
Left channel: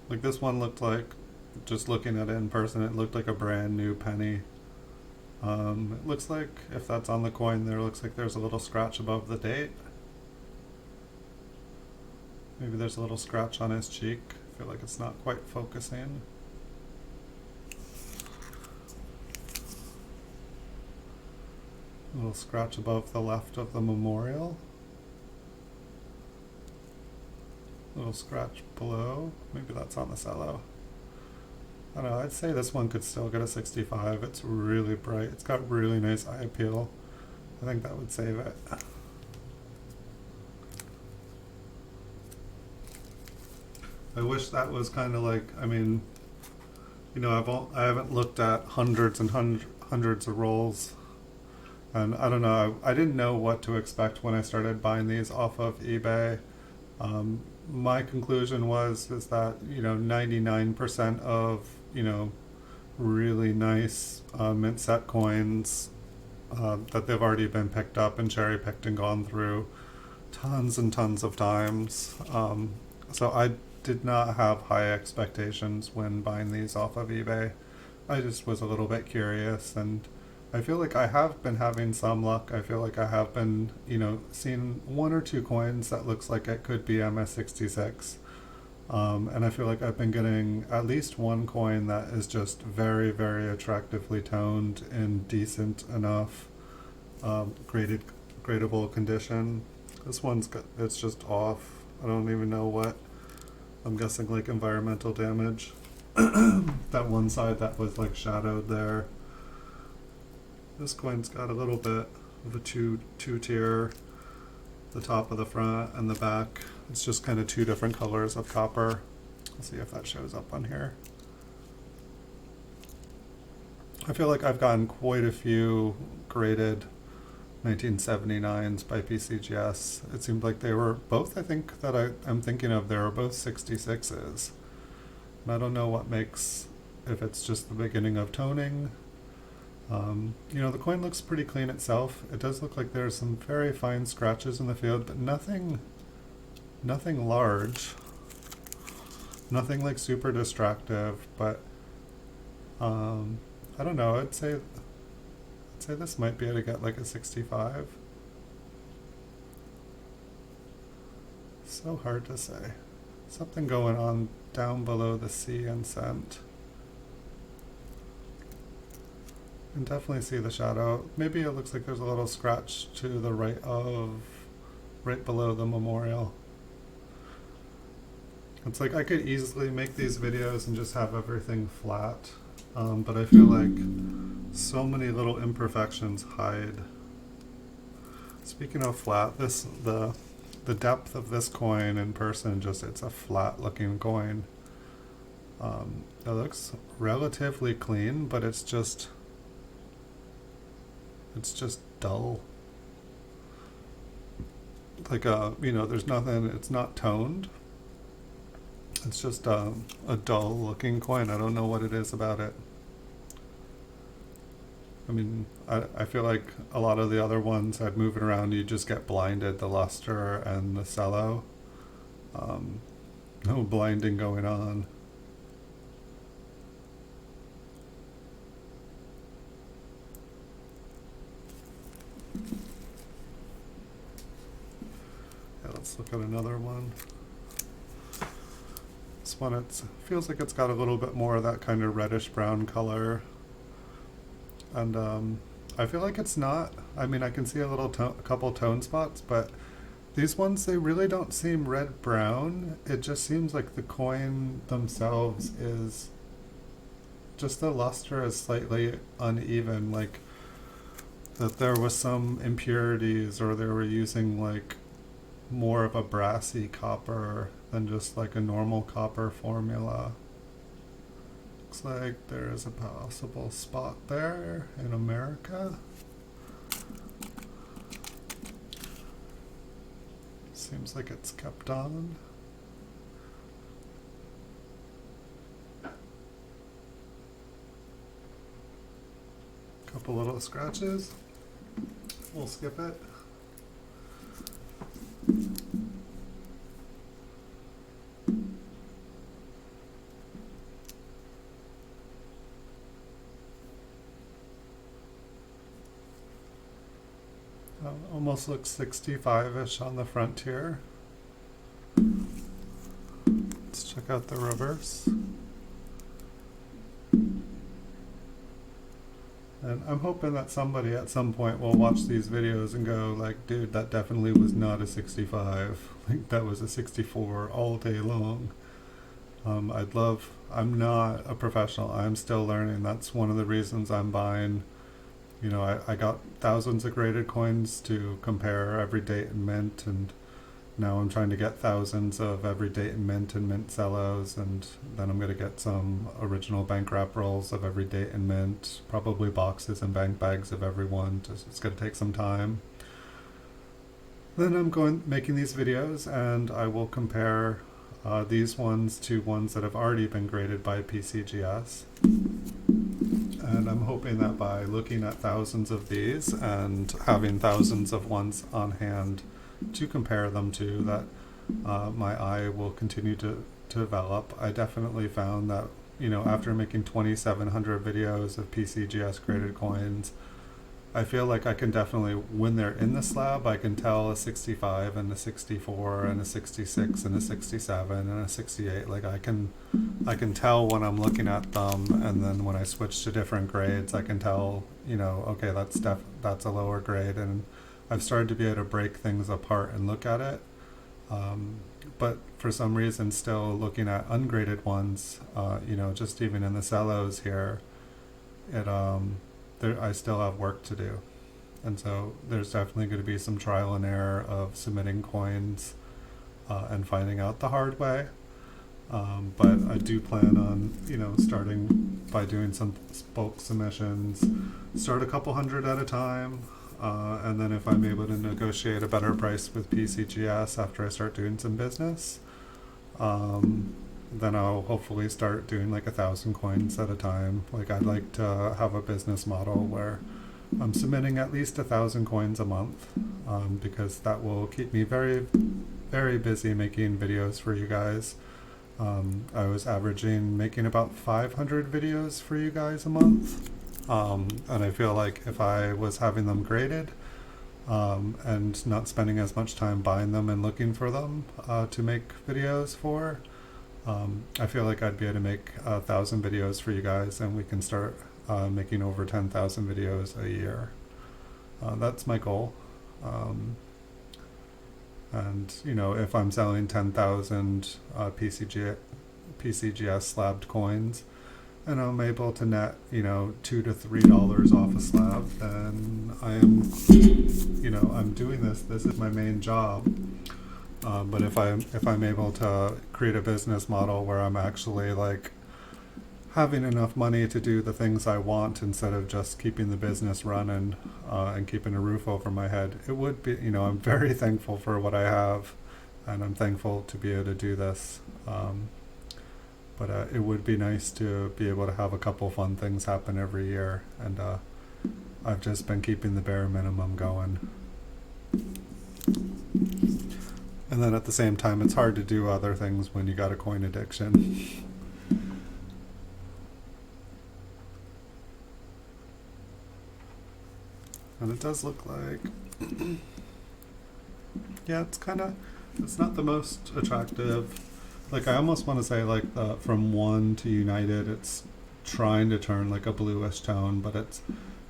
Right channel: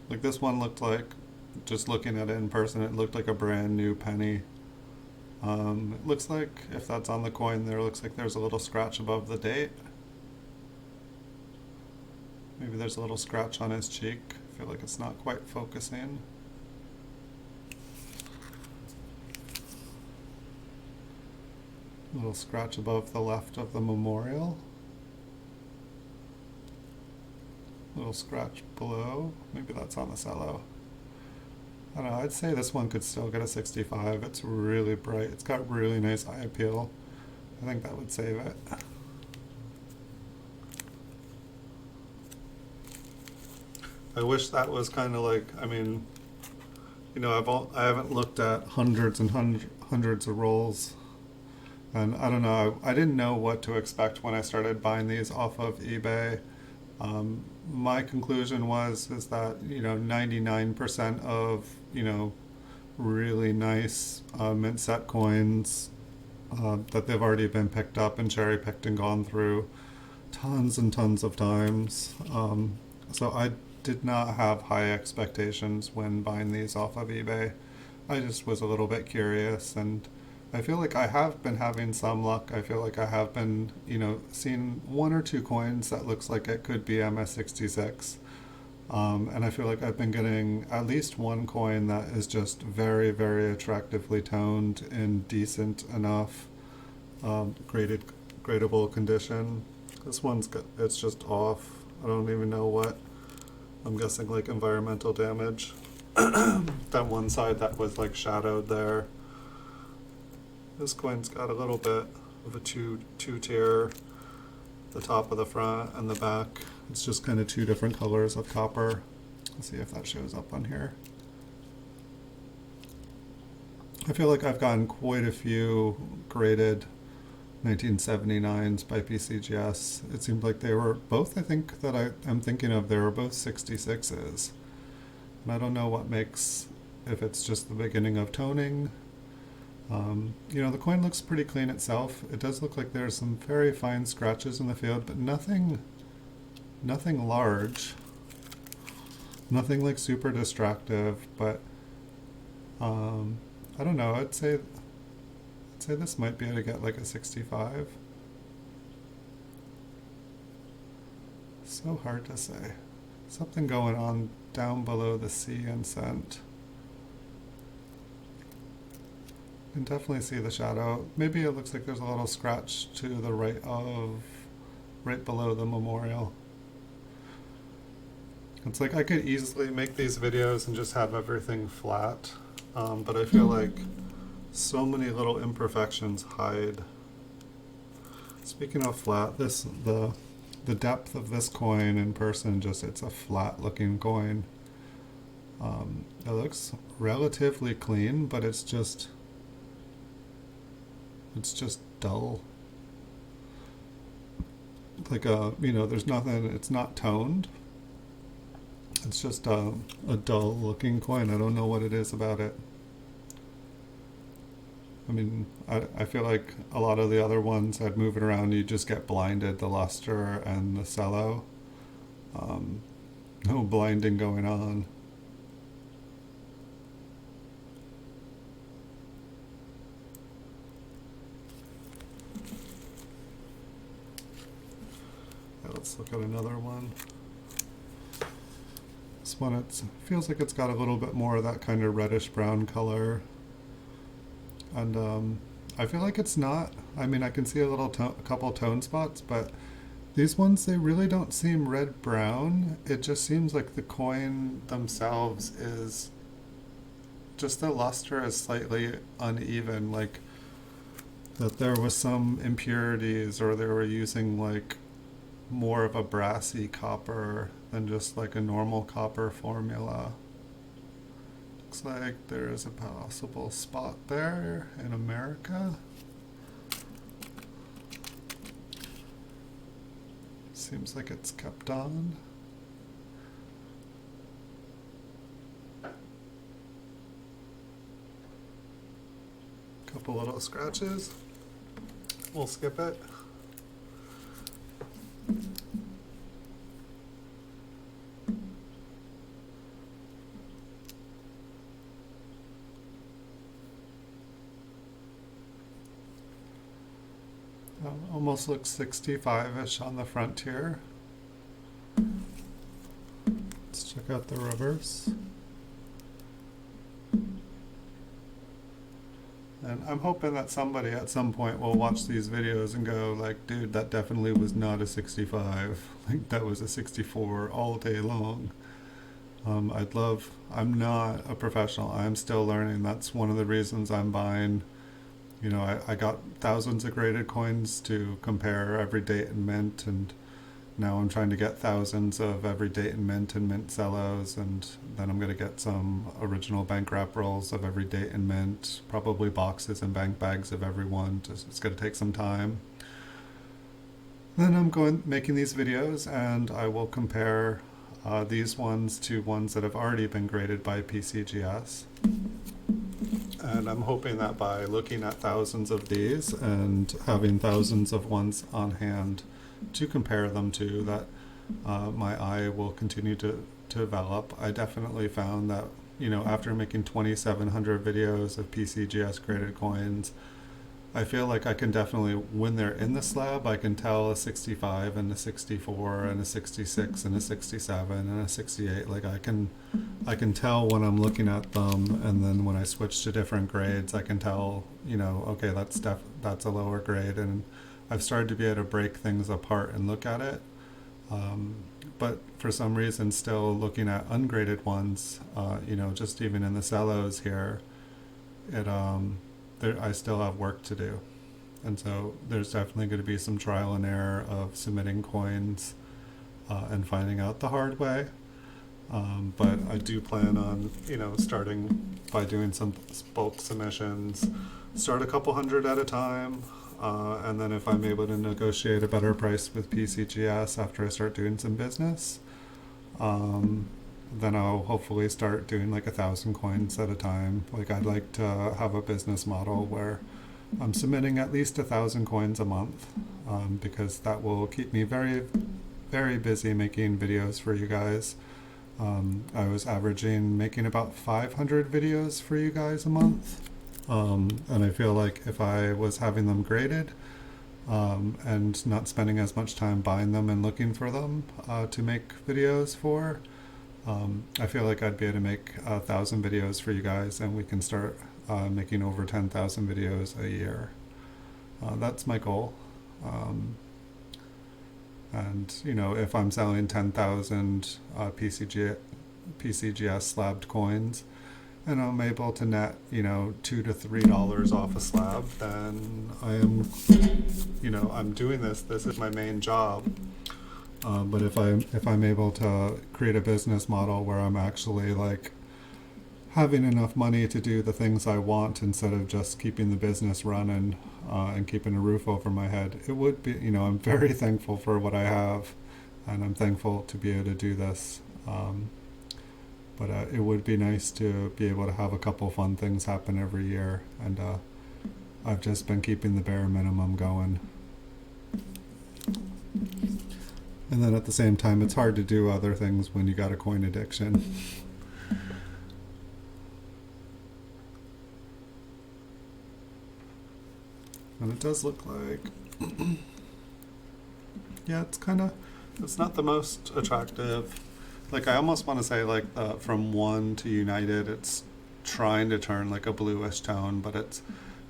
Like this one looked like, just looking at it in person, it looked like a brand new penny. It looks like, if that's on the coin there, looks like there's a little scratch above the date. Maybe there's a little scratch on his cheek. I feel like it's not quite focusing. A little scratch above the left of the memorial. Little scratch below. Maybe that's on the cello. I don't know, I'd say this one could still get a 65. It's really bright. It's got really nice eye appeal. I think that would save it. I wish that was kind of like, I mean, you know, I haven't looked at hundreds and hundreds of rolls. And I don't know, I didn't know what to expect when I started buying these off of eBay. My conclusion is that, you know, 99% of, you know, really nice mint set coins that they've already been picked up and cherry picked and gone through tons and tons of times. So I did not have high expectations when buying these off of eBay. I just was a little bit curious, and I feel like I have been having some luck. I feel like I have been, you know, seeing one or two coins that looks like it could be MS66. And I feel like I've been getting at least one coin that is just very, very attractively toned in decent enough gradable condition. This one's it's just off. I don't even know what. I'm guessing like environmental damage. That one side that was like shadowed there. This coin's got a little bit of a two-tier, the top of the front and the back. It's just kind of two different colors of copper. Let's see if that shows up on here. I feel like I've gotten quite a few graded 1979s by PCGS. It seemed like they were both, I think that I'm thinking of, they were both 66s. And I don't know what makes, if it's just the beginning of toning. You know, the coin looks pretty clean itself. It does look like there's some very fine scratches in the field, but nothing large. Nothing like super distractive, but I don't know, I'd say this might be able to get like a 65. So hard to say. Something going on down below the C and cent. can definitely see the shadow. Maybe it looks like there's a little scratch to the right below the memorial. It's like I could easily make these videos and just have everything flat, but I feel like so many little imperfections hide. Speaking of flat, the depth of this coin in person, just it's a flat looking coin. It looks relatively clean, but it's just dull. Like there's nothing. It's not toned. It's just a dull looking coin. I don't know what it is about it. I mean, I feel like a lot of the other ones I'd move it around, you just get blinded, the luster and the cello. No blinding going on. Yeah, let's look at another one. This one, it feels like it's got a little bit more of that kind of reddish brown color. And I feel like it's not, I mean, I can see a couple tone spots, but these ones, they really don't seem red-brown. It just seems like the coin themselves is, just the luster is slightly uneven, like that there was some impurities, or they were using like more of a brassy copper than just like a normal copper formula. Looks like there is a possible spot there in America. Seems like it's kept on. Couple little scratches. We'll skip it. Almost looks 65-ish on the front here. Let's check out the reverse. And I'm hoping that somebody at some point will watch these videos and go like, dude, that definitely was not a 65. Like that was a 64 all day long. I'm not a professional. I'm still learning. That's one of the reasons I'm buying. You know, I got thousands of graded coins to compare every date and mint, and now I'm trying to get thousands of every date and Mint Cellos, and then I'm going to get some original bank wrap rolls of every date and mint, probably boxes and bank bags of every one. It's going to take some time. Then I'm making these videos, and I will compare these ones to ones that have already been graded by PCGS. And I'm hoping that by looking at thousands of these and having thousands of ones on hand to compare them to, that my eye will continue to develop. I definitely found that, you know, after making 2,700 videos of PCGS graded coins, I feel like I can definitely, when they're in the slab, I can tell a 65 and a 64 and a 66 and a 67 and a 68. Like I can tell when I'm looking at them, and then when I switch to different grades, I can tell, you know, okay, that's a lower grade, and I've started to be able to break things apart and look at it. But for some reason, still looking at ungraded ones, you know, just even in the cellos here, I still have work to do. And so there's definitely going to be some trial and error of submitting coins and finding out the hard way. But I do plan on, you know, starting by doing some bulk submissions, start a couple hundred at a time, and then if I'm able to negotiate a better price with PCGS after I start doing some business, then I'll hopefully start doing like 1,000 coins at a time. Like I'd like to have a business model where I'm submitting at least 1,000 coins a month, because that will keep me very, very busy making videos for you guys. I was averaging making about 500 videos for you guys a month. And I feel like if I was having them graded, and not spending as much time buying them and looking for them to make videos for, I feel like I'd be able to make 1,000 videos for you guys, and we can start making over 10,000 videos a year. That's my goal. And if I'm selling 10,000 PCGS slabbed coins, and I'm able to net, $2 to $3 off a slab, then I am, I'm doing this. This is my main job. But if I'm able to create a business model where I'm actually like having enough money to do the things I want instead of just keeping the business running and keeping a roof over my head, it would be, I'm very thankful for what I have, and I'm thankful to be able to do this. But it would be nice to be able to have a couple fun things happen every year, and I've just been keeping the bare minimum going. And then at the same time, it's hard to do other things when you got a coin addiction. And it does look like, yeah, it's not the most attractive. Like, I almost want to say like from One to United, it's trying to turn like a bluish tone, but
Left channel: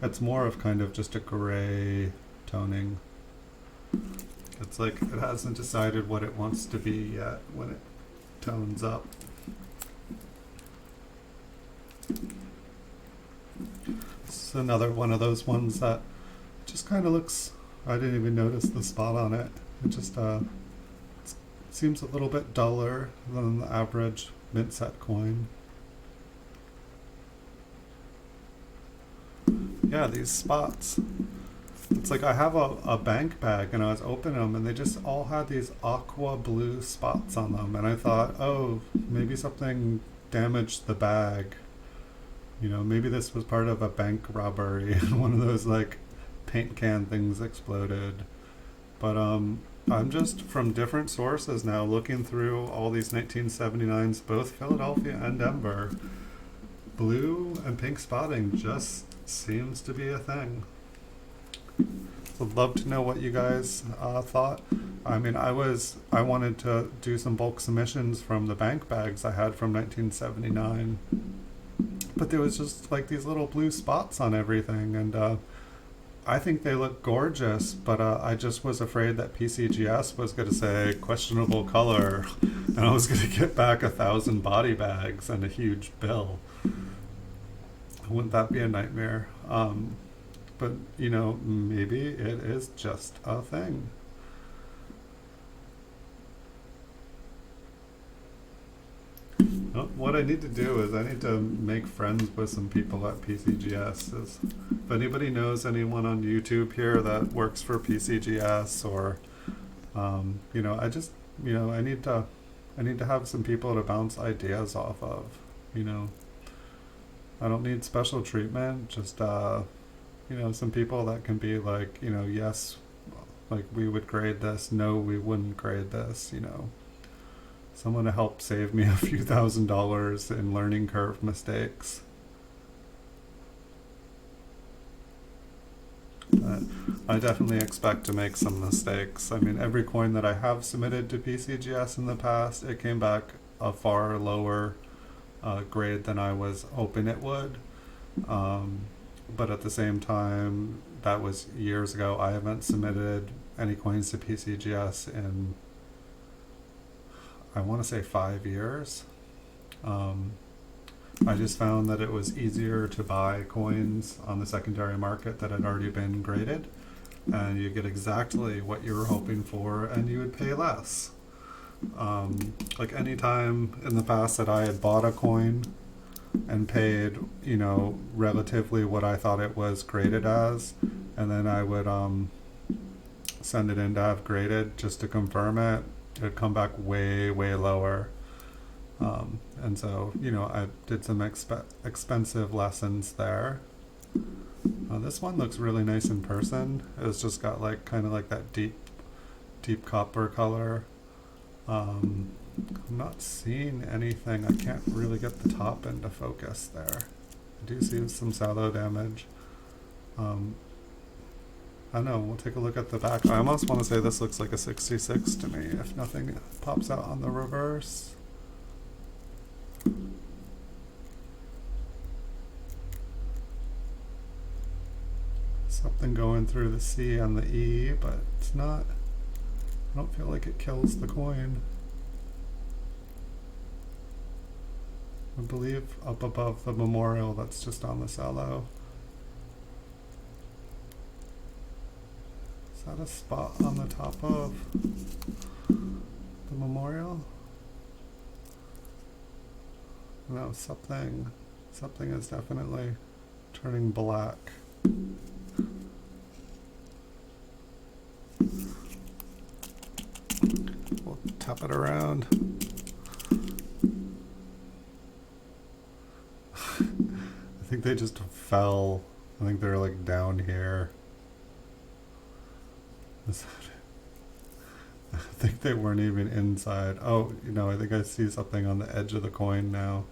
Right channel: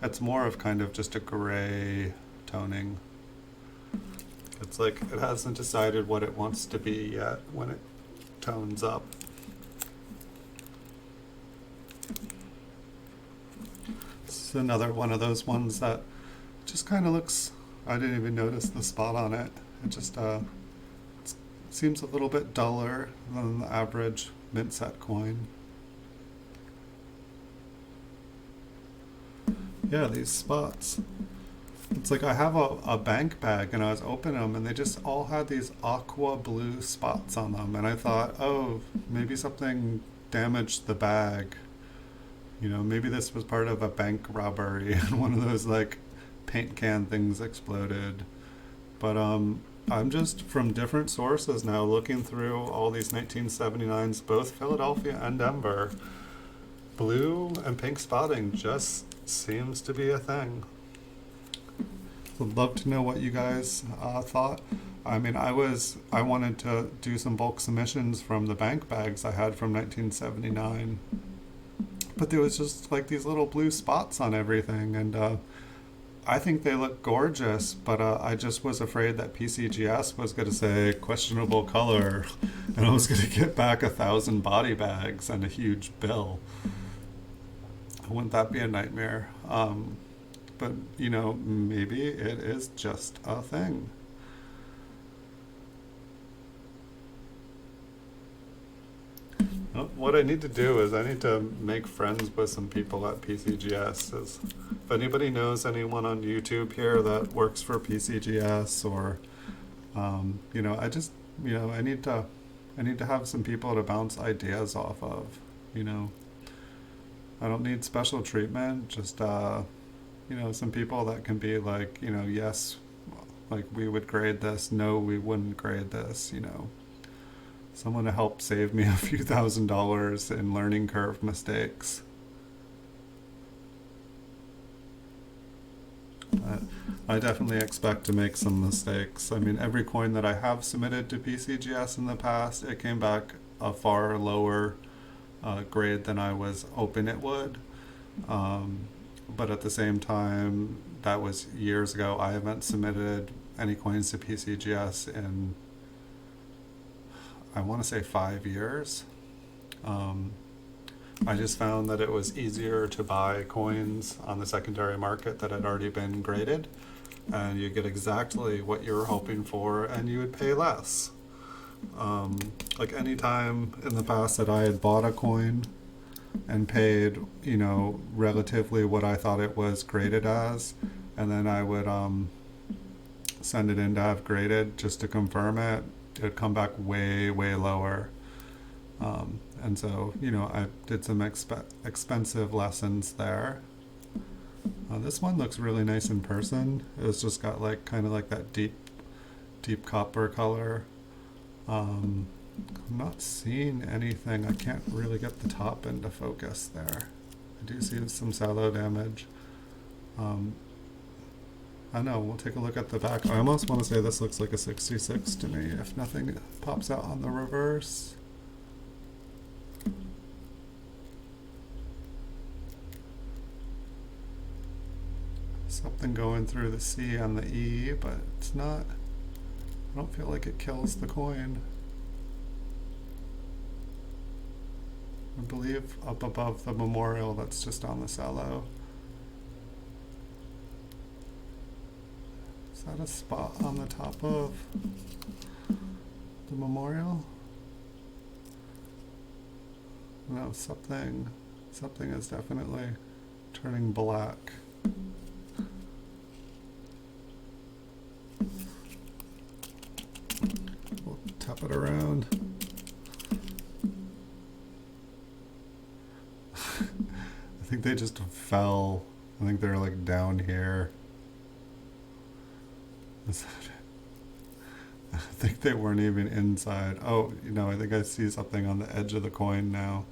it's more of kind of just a gray toning. It's like it hasn't decided what it wants to be yet when it tones up. It's another one of those ones that just kind of looks, I didn't even notice the spot on it. It just seems a little bit duller than the average mint set coin. Yeah, these spots. It's like I have a bank bag and I was opening them and they just all had these aqua blue spots on them, and I thought, oh, maybe something damaged the bag. Maybe this was part of a bank robbery and one of those like paint can things exploded. But I'm just from different sources now looking through all these 1979s, both Philadelphia and Denver. Blue and pink spotting just seems to be a thing. I'd love to know what you guys thought. I mean, I wanted to do some bulk submissions from the bank bags I had from 1979, but there was just like these little blue spots on everything, and I think they look gorgeous, but I just was afraid that PCGS was going to say questionable color, and I was going to get back 1,000 body bags and a huge bill. Wouldn't that be a nightmare? But, maybe it is just a thing. What I need to do is I need to make friends with some people at PCGS. If anybody knows anyone on YouTube here that works for PCGS, or, I need to have some people to bounce ideas off of. I don't need special treatment, just some people that can be like, yes, like we would grade this, no, we wouldn't grade this, someone to help save me a few $1,000s in learning curve mistakes. I definitely expect to make some mistakes. I mean, every coin that I have submitted to PCGS in the past, it came back a far lower grade than I was hoping it would. But at the same time, that was years ago. I haven't submitted any coins to PCGS in, I want to say 5 years. I just found that it was easier to buy coins on the secondary market that had already been graded, and you get exactly what you were hoping for, and you would pay less. Like any time in the past that I had bought a coin and paid, relatively what I thought it was graded as, and then I would send it in to have graded just to confirm it, it'd come back way, way lower. And so, I did some expensive lessons there. This one looks really nice in person. It's just got like kind of like that deep copper color. I'm not seeing anything. I can't really get the top into focus there. I do see some sallow damage. I don't know, we'll take a look at the back. I almost want to say this looks like a 66 to me, if nothing pops out on the reverse. something going through the C and the E, but it's not, I don't feel like it kills the coin. I believe up above the memorial that's just on the cello. Is that a spot on the top of the memorial? No, something is definitely turning black. We'll tap it around. I think they just fell. I think they're like down here. I think they weren't even inside. Oh, I think I see something on the edge of the coin now.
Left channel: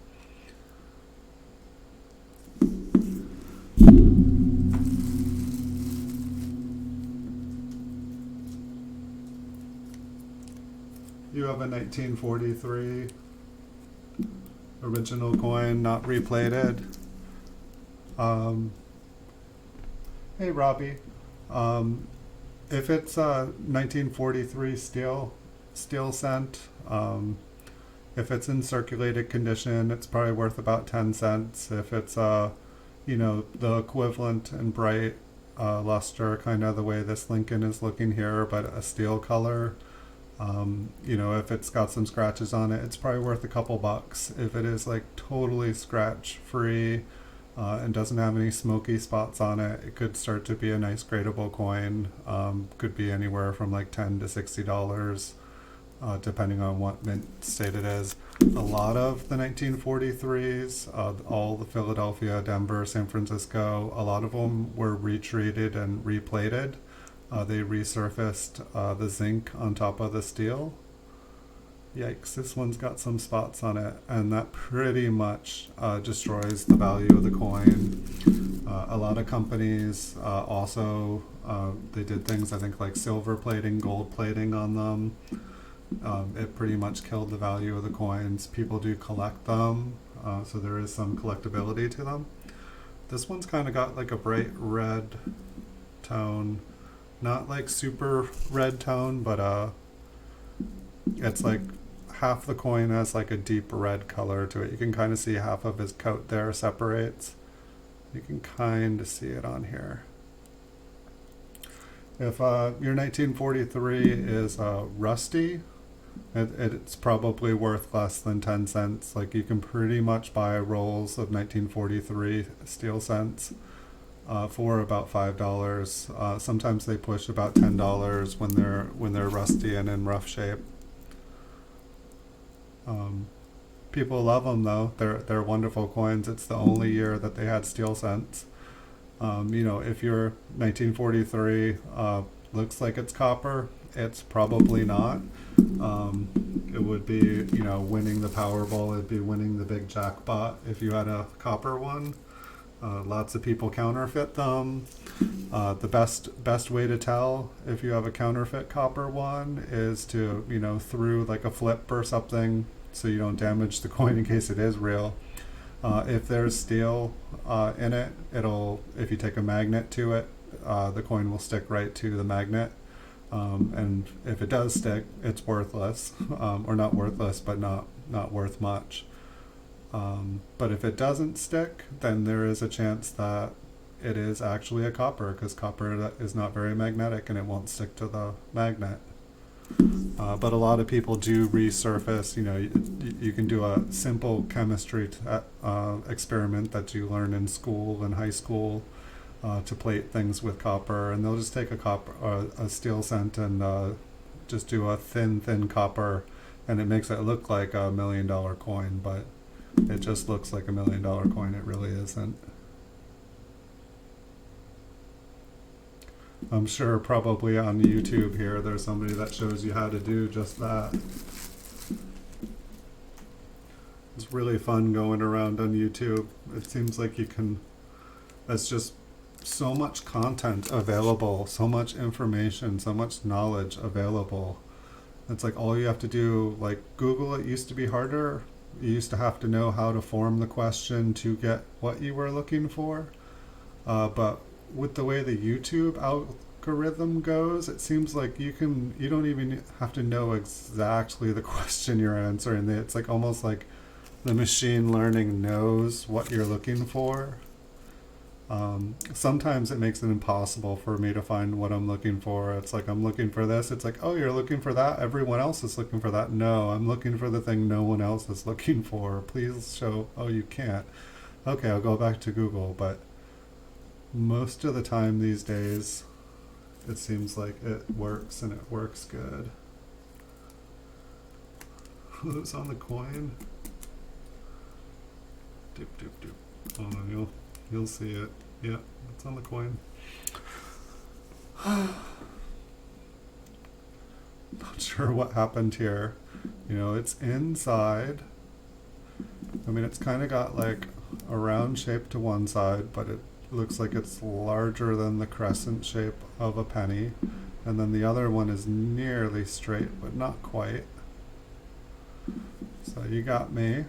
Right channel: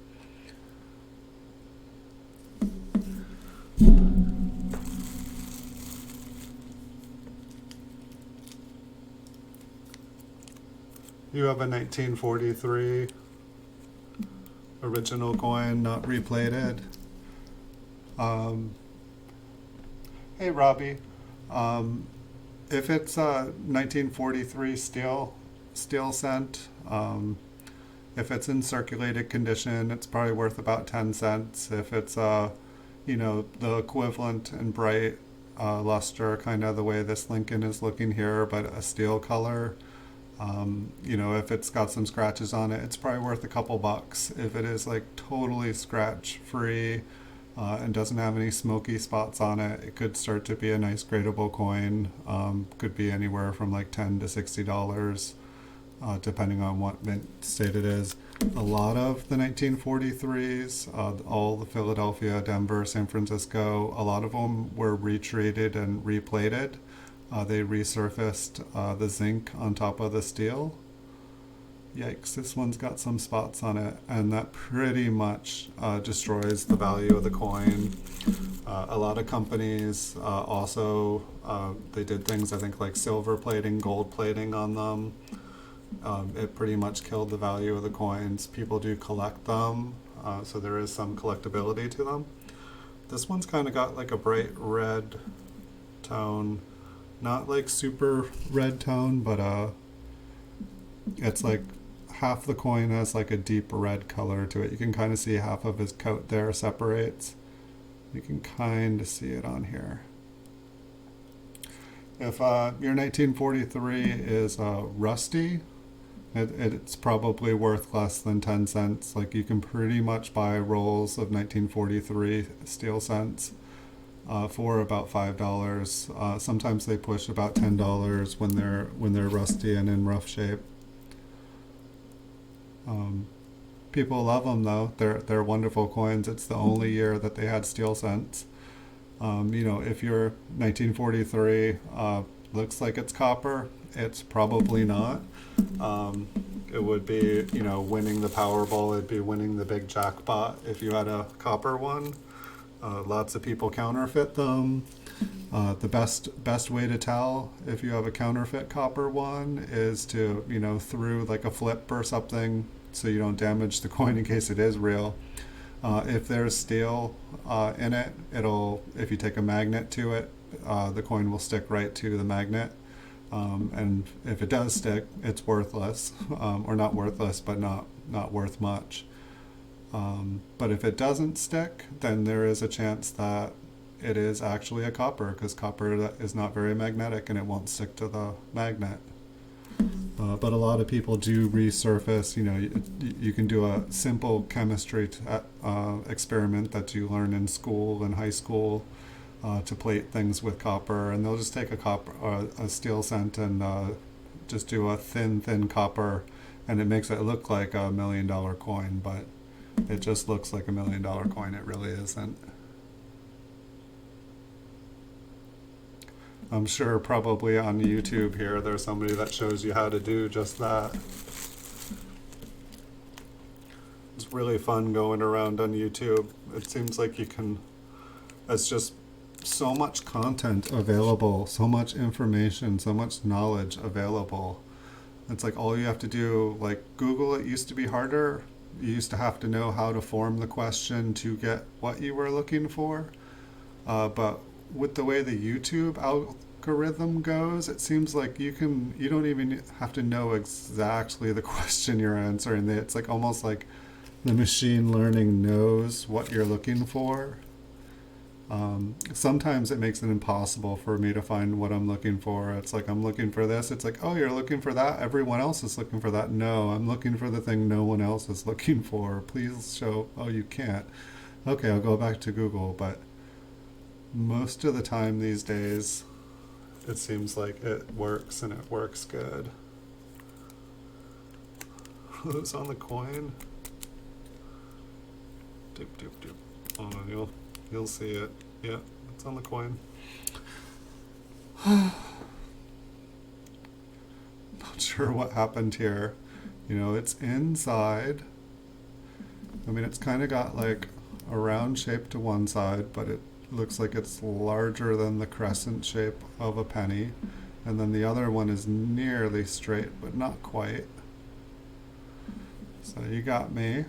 You have a 1943 original coin, not replated. Hey, Robbie. If it's a 1943 steel cent, if it's in circulated condition, it's probably worth about 10 cents. If it's the equivalent in bright luster, kind of the way this Lincoln is looking here, but a steel color, if it's got some scratches on it, it's probably worth a couple bucks. If it is like totally scratch free, and doesn't have any smoky spots on it, it could start to be a nice gradable coin. Could be anywhere from like $10 to $60, depending on what mint state it is. A lot of the 1943s, all the Philadelphia, Denver, San Francisco, a lot of them were retreated and replated. They resurfaced the zinc on top of the steel. Yikes, this one's got some spots on it, and that pretty much destroys the value of the coin. A lot of companies also, they did things, I think, like silver plating, gold plating on them. It pretty much killed the value of the coins. People do collect them, so there is some collectability to them. This one's kind of got like a bright red tone, not like super red tone, but it's like half the coin has like a deep red color to it. You can kind of see half of his coat there separates. You can kind of see it on here. If your 1943 is rusty, it's probably worth less than 10 cents. Like, you can pretty much buy rolls of 1943 steel cents for about $5. Sometimes they push about $10 when they're rusty and in rough shape. People love them though. They're wonderful coins. It's the only year that they had steel cents. If your 1943 looks like it's copper, it's probably not. It would be, winning the Powerball. It'd be winning the big jackpot if you had a copper one. Lots of people counterfeit them. The best way to tell if you have a counterfeit copper one is to, through like a flip or something, so you don't damage the coin in case it is real. If there's steel in it, if you take a magnet to it, the coin will stick right to the magnet. And if it does stick, it's worthless, or not worthless, but not worth much. But if it doesn't stick, then there is a chance that it is actually a copper, because copper is not very magnetic and it won't stick to the magnet. But a lot of people do resurface. You can do a simple chemistry experiment that you learn in school, in high school, to plate things with copper, and they'll just take a steel cent and just do a thin copper, and it makes it look like $1 million coin, but it just looks like $1 million coin. It really isn't. I'm sure probably on YouTube here there's somebody that shows you how to do just that. It's really fun going around on YouTube. It seems like it's just so much content available, so much information, so much knowledge available. It's like all you have to do, like Google, it used to be harder. You used to have to know how to form the question to get what you were looking for. But with the way the YouTube algorithm goes, it seems like you don't even have to know exactly the question you're answering. It's like almost like the machine learning knows what you're looking for. Sometimes it makes it impossible for me to find what I'm looking for. It's like I'm looking for this. It's like, oh, you're looking for that? Everyone else is looking for that. No, I'm looking for the thing no one else is looking for. Please show. Oh, you can't. Okay, I'll go back to Google. But most of the time these days, it seems like it works, and it works good. Who's on the coin? Doop, doop, doop. Oh, no, you'll see it. Yeah, it's on the coin. Not sure what happened here. You know, it's inside. I mean, it's kind of got like a round shape to one side, but it looks like it's larger than the crescent shape of a penny. And then the other one is nearly straight, but not quite. So you got me.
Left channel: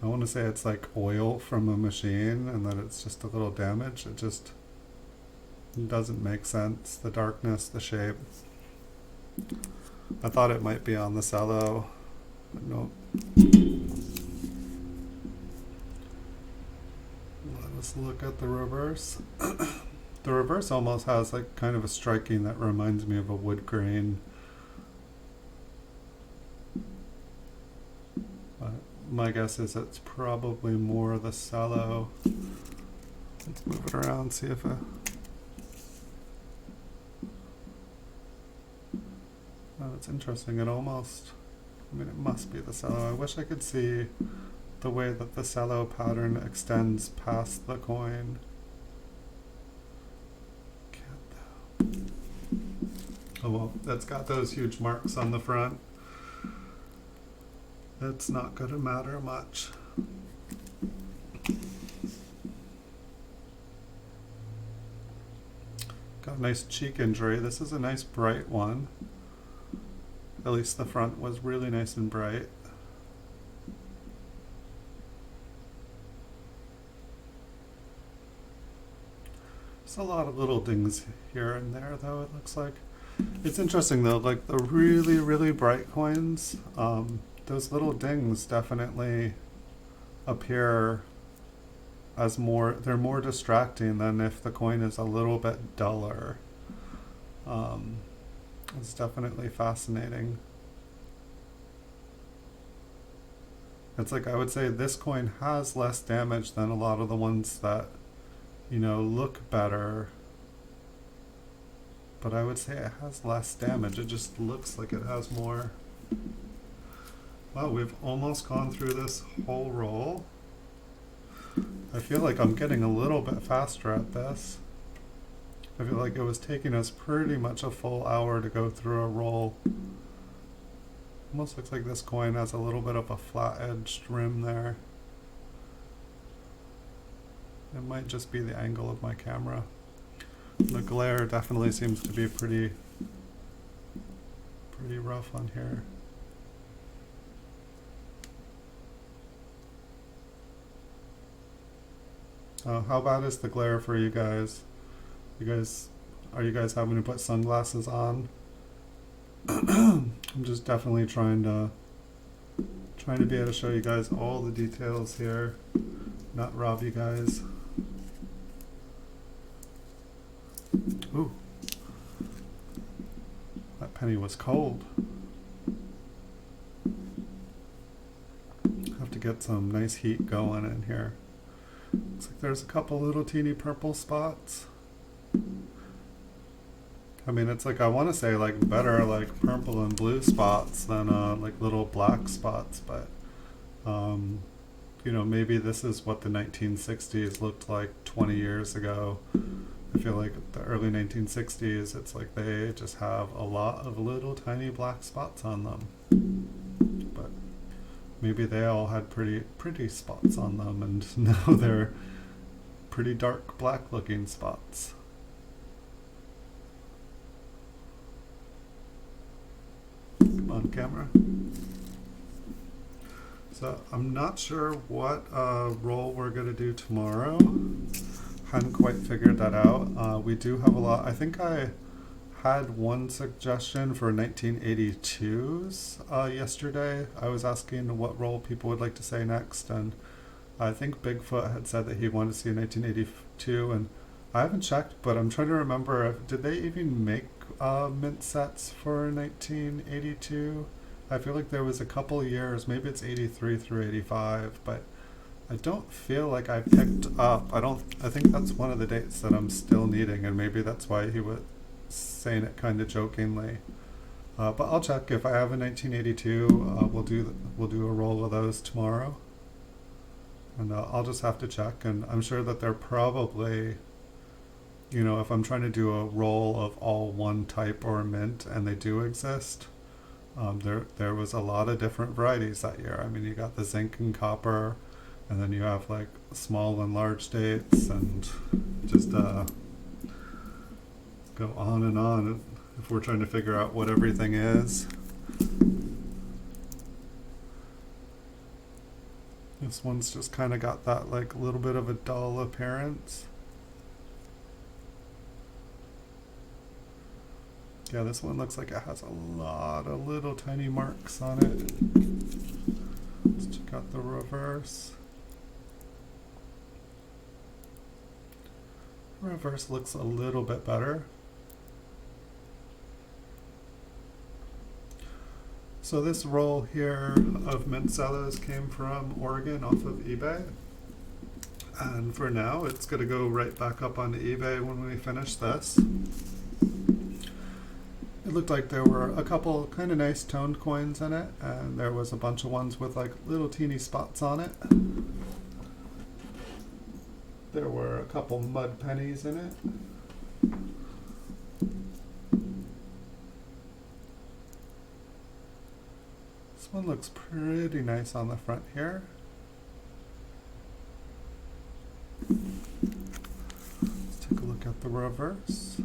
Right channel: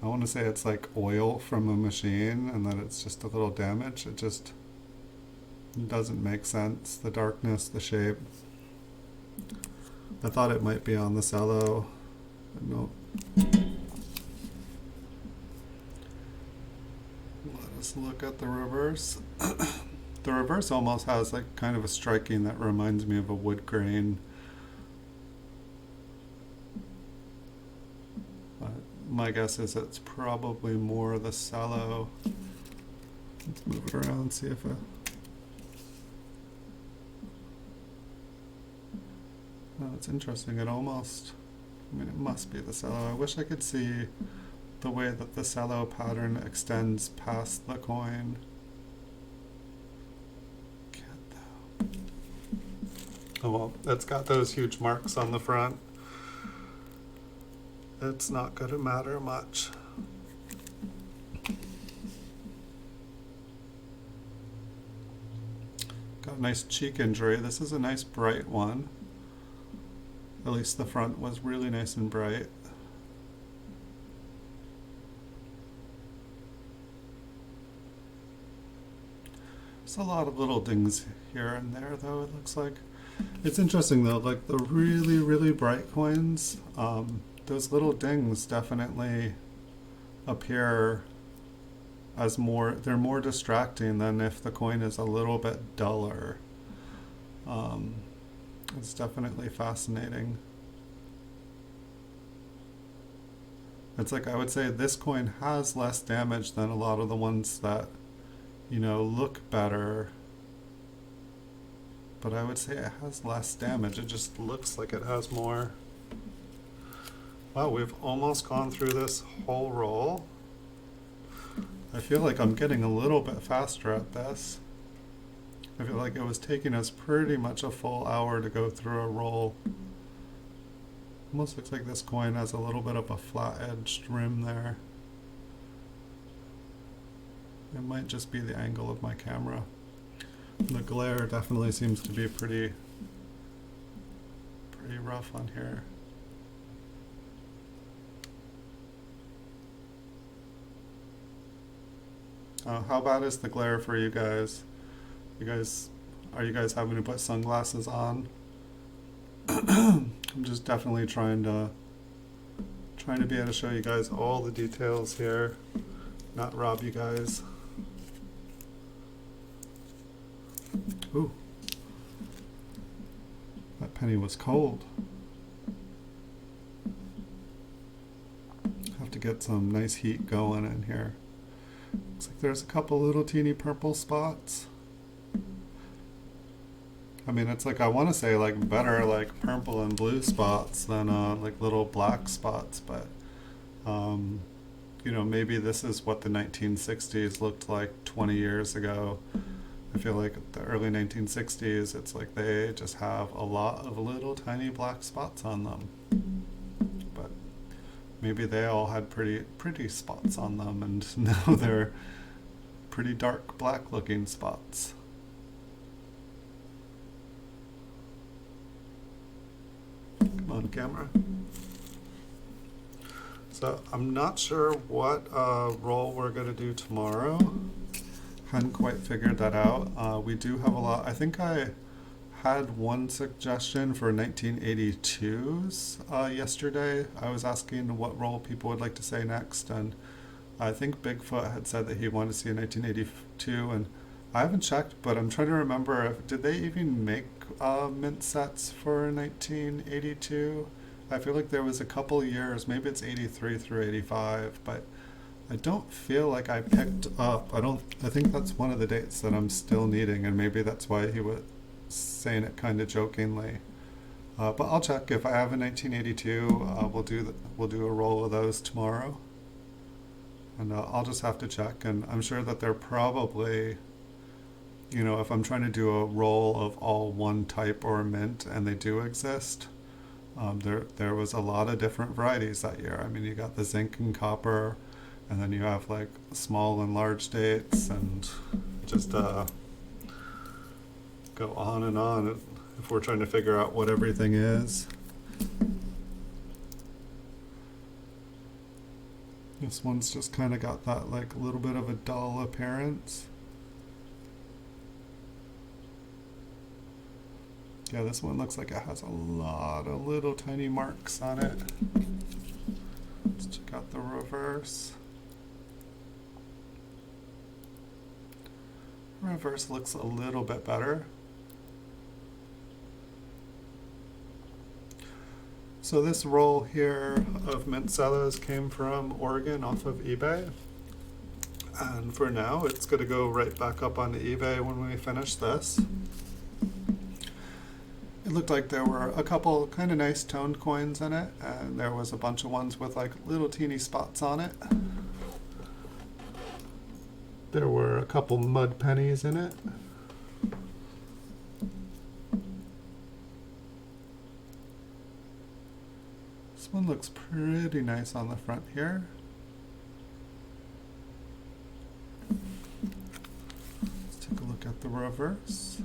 I want to say it's like oil from a machine and that it's just a little damage. It just doesn't make sense. The darkness, the shape. I thought it might be on the cello, but nope. Let us look at the reverse. The reverse almost has like kind of a striking that reminds me of a wood grain. My guess is it's probably more the cello. Let's move it around, see if oh, it's interesting. It almost, I mean, it must be the cello. I wish I could see the way that the cello pattern extends past the coin. Can't though. Oh well, it's got those huge marks on the front. It's not going to matter much. Got a nice cheek injury. This is a nice bright one. At least the front was really nice and bright. There's a lot of little dings here and there though, it looks like. It's interesting though, like the really, really bright coins, those little dings definitely appear as they're more distracting than if the coin is a little bit duller. It's definitely fascinating. It's like I would say this coin has less damage than a lot of the ones that, you know, look better. But I would say it has less damage. It just looks like it has more. Wow, we've almost gone through this whole roll. I feel like I'm getting a little bit faster at this. I feel like it was taking us pretty much a full hour to go through a roll. Almost looks like this coin has a little bit of a flat-edged rim there. It might just be the angle of my camera. The glare definitely seems to be pretty rough on here. How bad is the glare for you guys? Are you guys having to put sunglasses on? I'm just definitely trying to be able to show you guys all the details here, not rob you guys. Ooh, that penny was cold. Have to get some nice heat going in here. Looks like there's a couple little teeny purple spots. I mean, it's like I want to say like better like purple and blue spots than like little black spots, but you know, maybe this is what the 1960s looked like 20 years ago. I feel like the early 1960s, it's like they just have a lot of little tiny black spots on them. But maybe they all had pretty spots on them, and now they're pretty dark black looking spots. Come on, camera. So I'm not sure what roll we're going to do tomorrow hadn't quite figured that out. We do have a lot. I think I had one suggestion for 1982s yesterday. I was asking what role people would like to say next, and I think Bigfoot had said that he wanted to see a 1982, and I haven't checked, but I'm trying to remember did they even make mint sets for 1982? I feel like there was a couple years, maybe it's 83 through 85, but I don't feel like I picked up. I think that's one of the dates that I'm still needing, and maybe that's why he was saying it kind of jokingly. But I'll check if I have a 1982. We'll do a roll of those tomorrow, and I'll just have to check. And I'm sure that they're probably, if I'm trying to do a roll of all one type or mint, and they do exist. There was a lot of different varieties that year. I mean, you got the zinc and copper, and then you have like small and large dates, and just go on and on if we're trying to figure out what everything is. This one's just kind of got that like little bit of a dull appearance. Yeah, this one looks like it has a lot of little tiny marks on it. Let's check out the reverse. Reverse looks a little bit better. So this roll here of Mint Cellos came from Oregon off of eBay. And for now, it's going to go right back up onto eBay when we finish this. It looked like there were a couple kind of nice toned coins in it, and there was a bunch of ones with like little teeny spots on it. There were a couple mud pennies in it. This one looks pretty nice on the front here. Let's take a look at the reverse.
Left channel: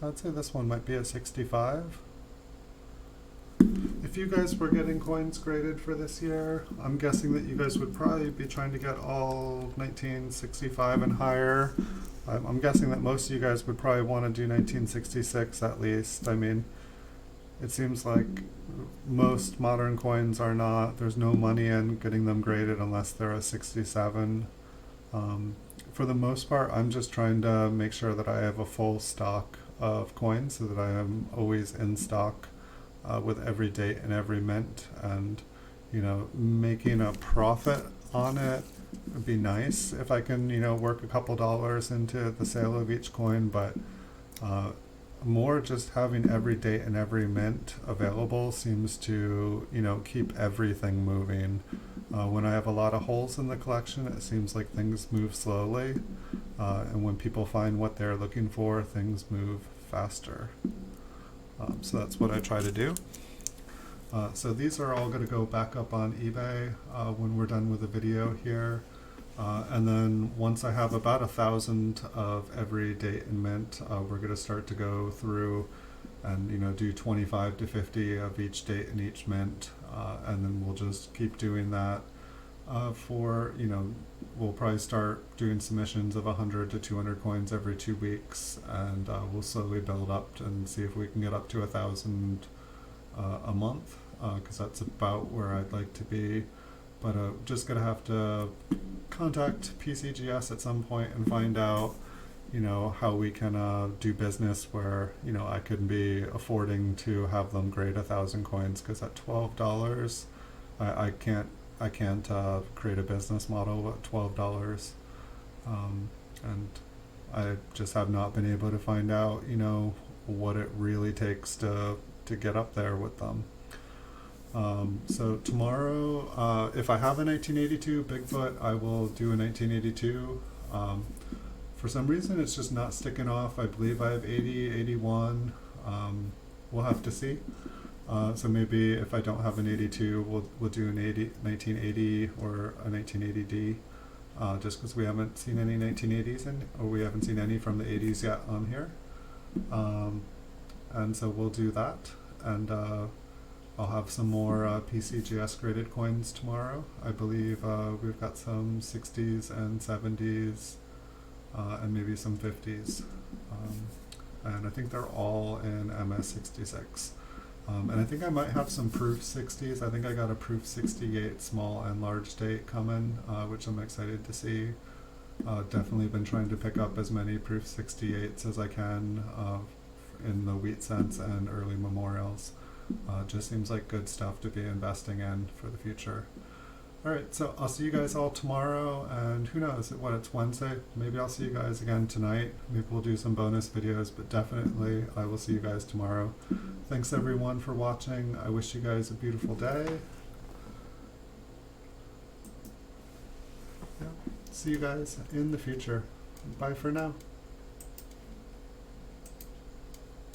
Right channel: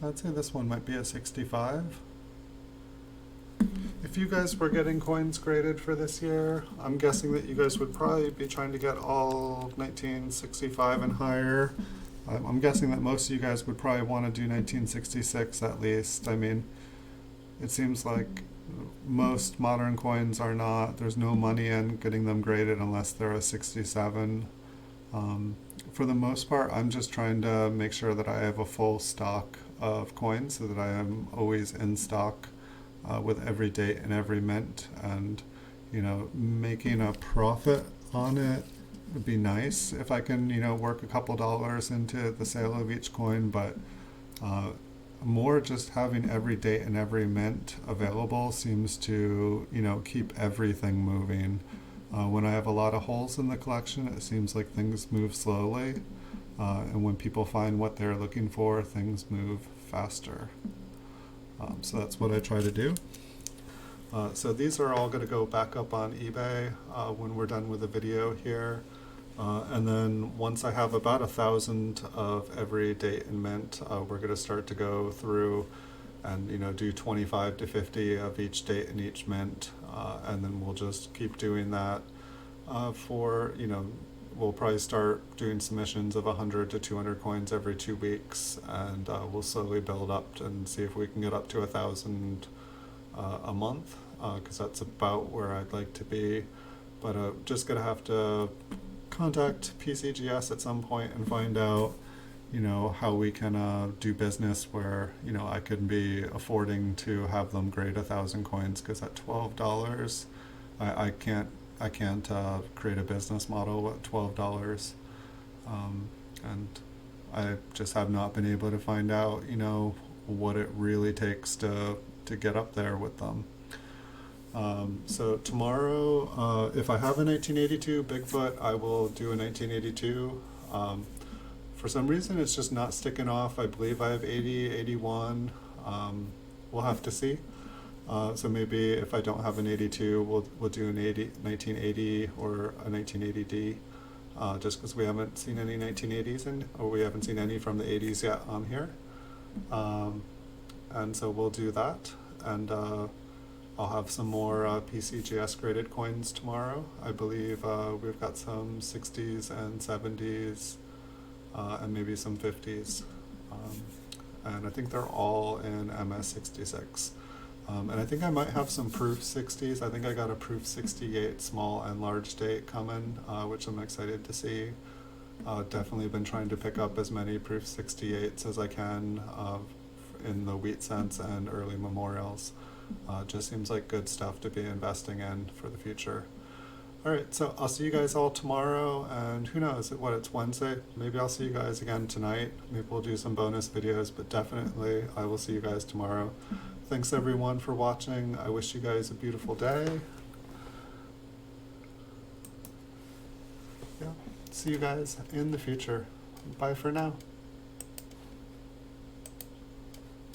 I'd say this one might be a 65. If you guys were getting coins graded for this year, I'm guessing that you guys would probably be trying to get all 1965 and higher. I'm guessing that most of you guys would probably want to do 1966 at least. I mean, it seems like most modern coins are not, there's no money in getting them graded unless they're a 67. For the most part, I'm just trying to make sure that I have a full stock of coins so that I am always in stock with every date and every mint, and making a profit on it would be nice if I can work a couple dollars into the sale of each coin, but more just having every date and every mint available seems to keep everything moving. When I have a lot of holes in the collection, it seems like things move slowly, and when people find what they're looking for, things move faster. So that's what I try to do. So these are all going to go back up on eBay when we're done with the video here. And then once I have about 1,000 of every date and mint, we're going to start to go through and do 25 to 50 of each date and each mint, and then we'll just keep doing that for we'll probably start doing submissions of 100 to 200 coins every 2 weeks, and we'll slowly build up and see if we can get up to 1,000 a month, because that's about where I'd like to be. But just gonna have to contact PCGS at some point and find out how we can do business where I could be affording to have them grade 1,000 coins, because at $12 I can't create a business model at $12, and I just have not been able to find out what it really takes to get up there with them. So tomorrow, if I have a 1982 Bigfoot, I will do a 1982. For some reason, it's just not sticking off. I believe I have 80, 81. We'll have to see. So maybe if I don't have an 82, we'll do an 1980 or a 1980D, just because we haven't seen any 1980s or we haven't seen any from the 80s yet on here. And so we'll do that. And I'll have some more PCGS graded coins tomorrow. I believe we've got some 60s and 70s and maybe some 50s. And I think they're all in MS66. And I think I might have some proof 60s. I think I got a proof 68 small and large date coming, which I'm excited to see. Definitely been trying to pick up as many proof 68s as I can in the wheat cents and early memorials. Just seems like good stuff to be investing in for the future. Alright, so I'll see you guys all tomorrow, and who knows, it's Wednesday, maybe I'll see you guys again tonight, maybe we'll do some bonus videos, but definitely I will see you guys tomorrow. Thanks everyone for watching, I wish you guys a beautiful day. Yeah, see you guys in the future. Bye for now.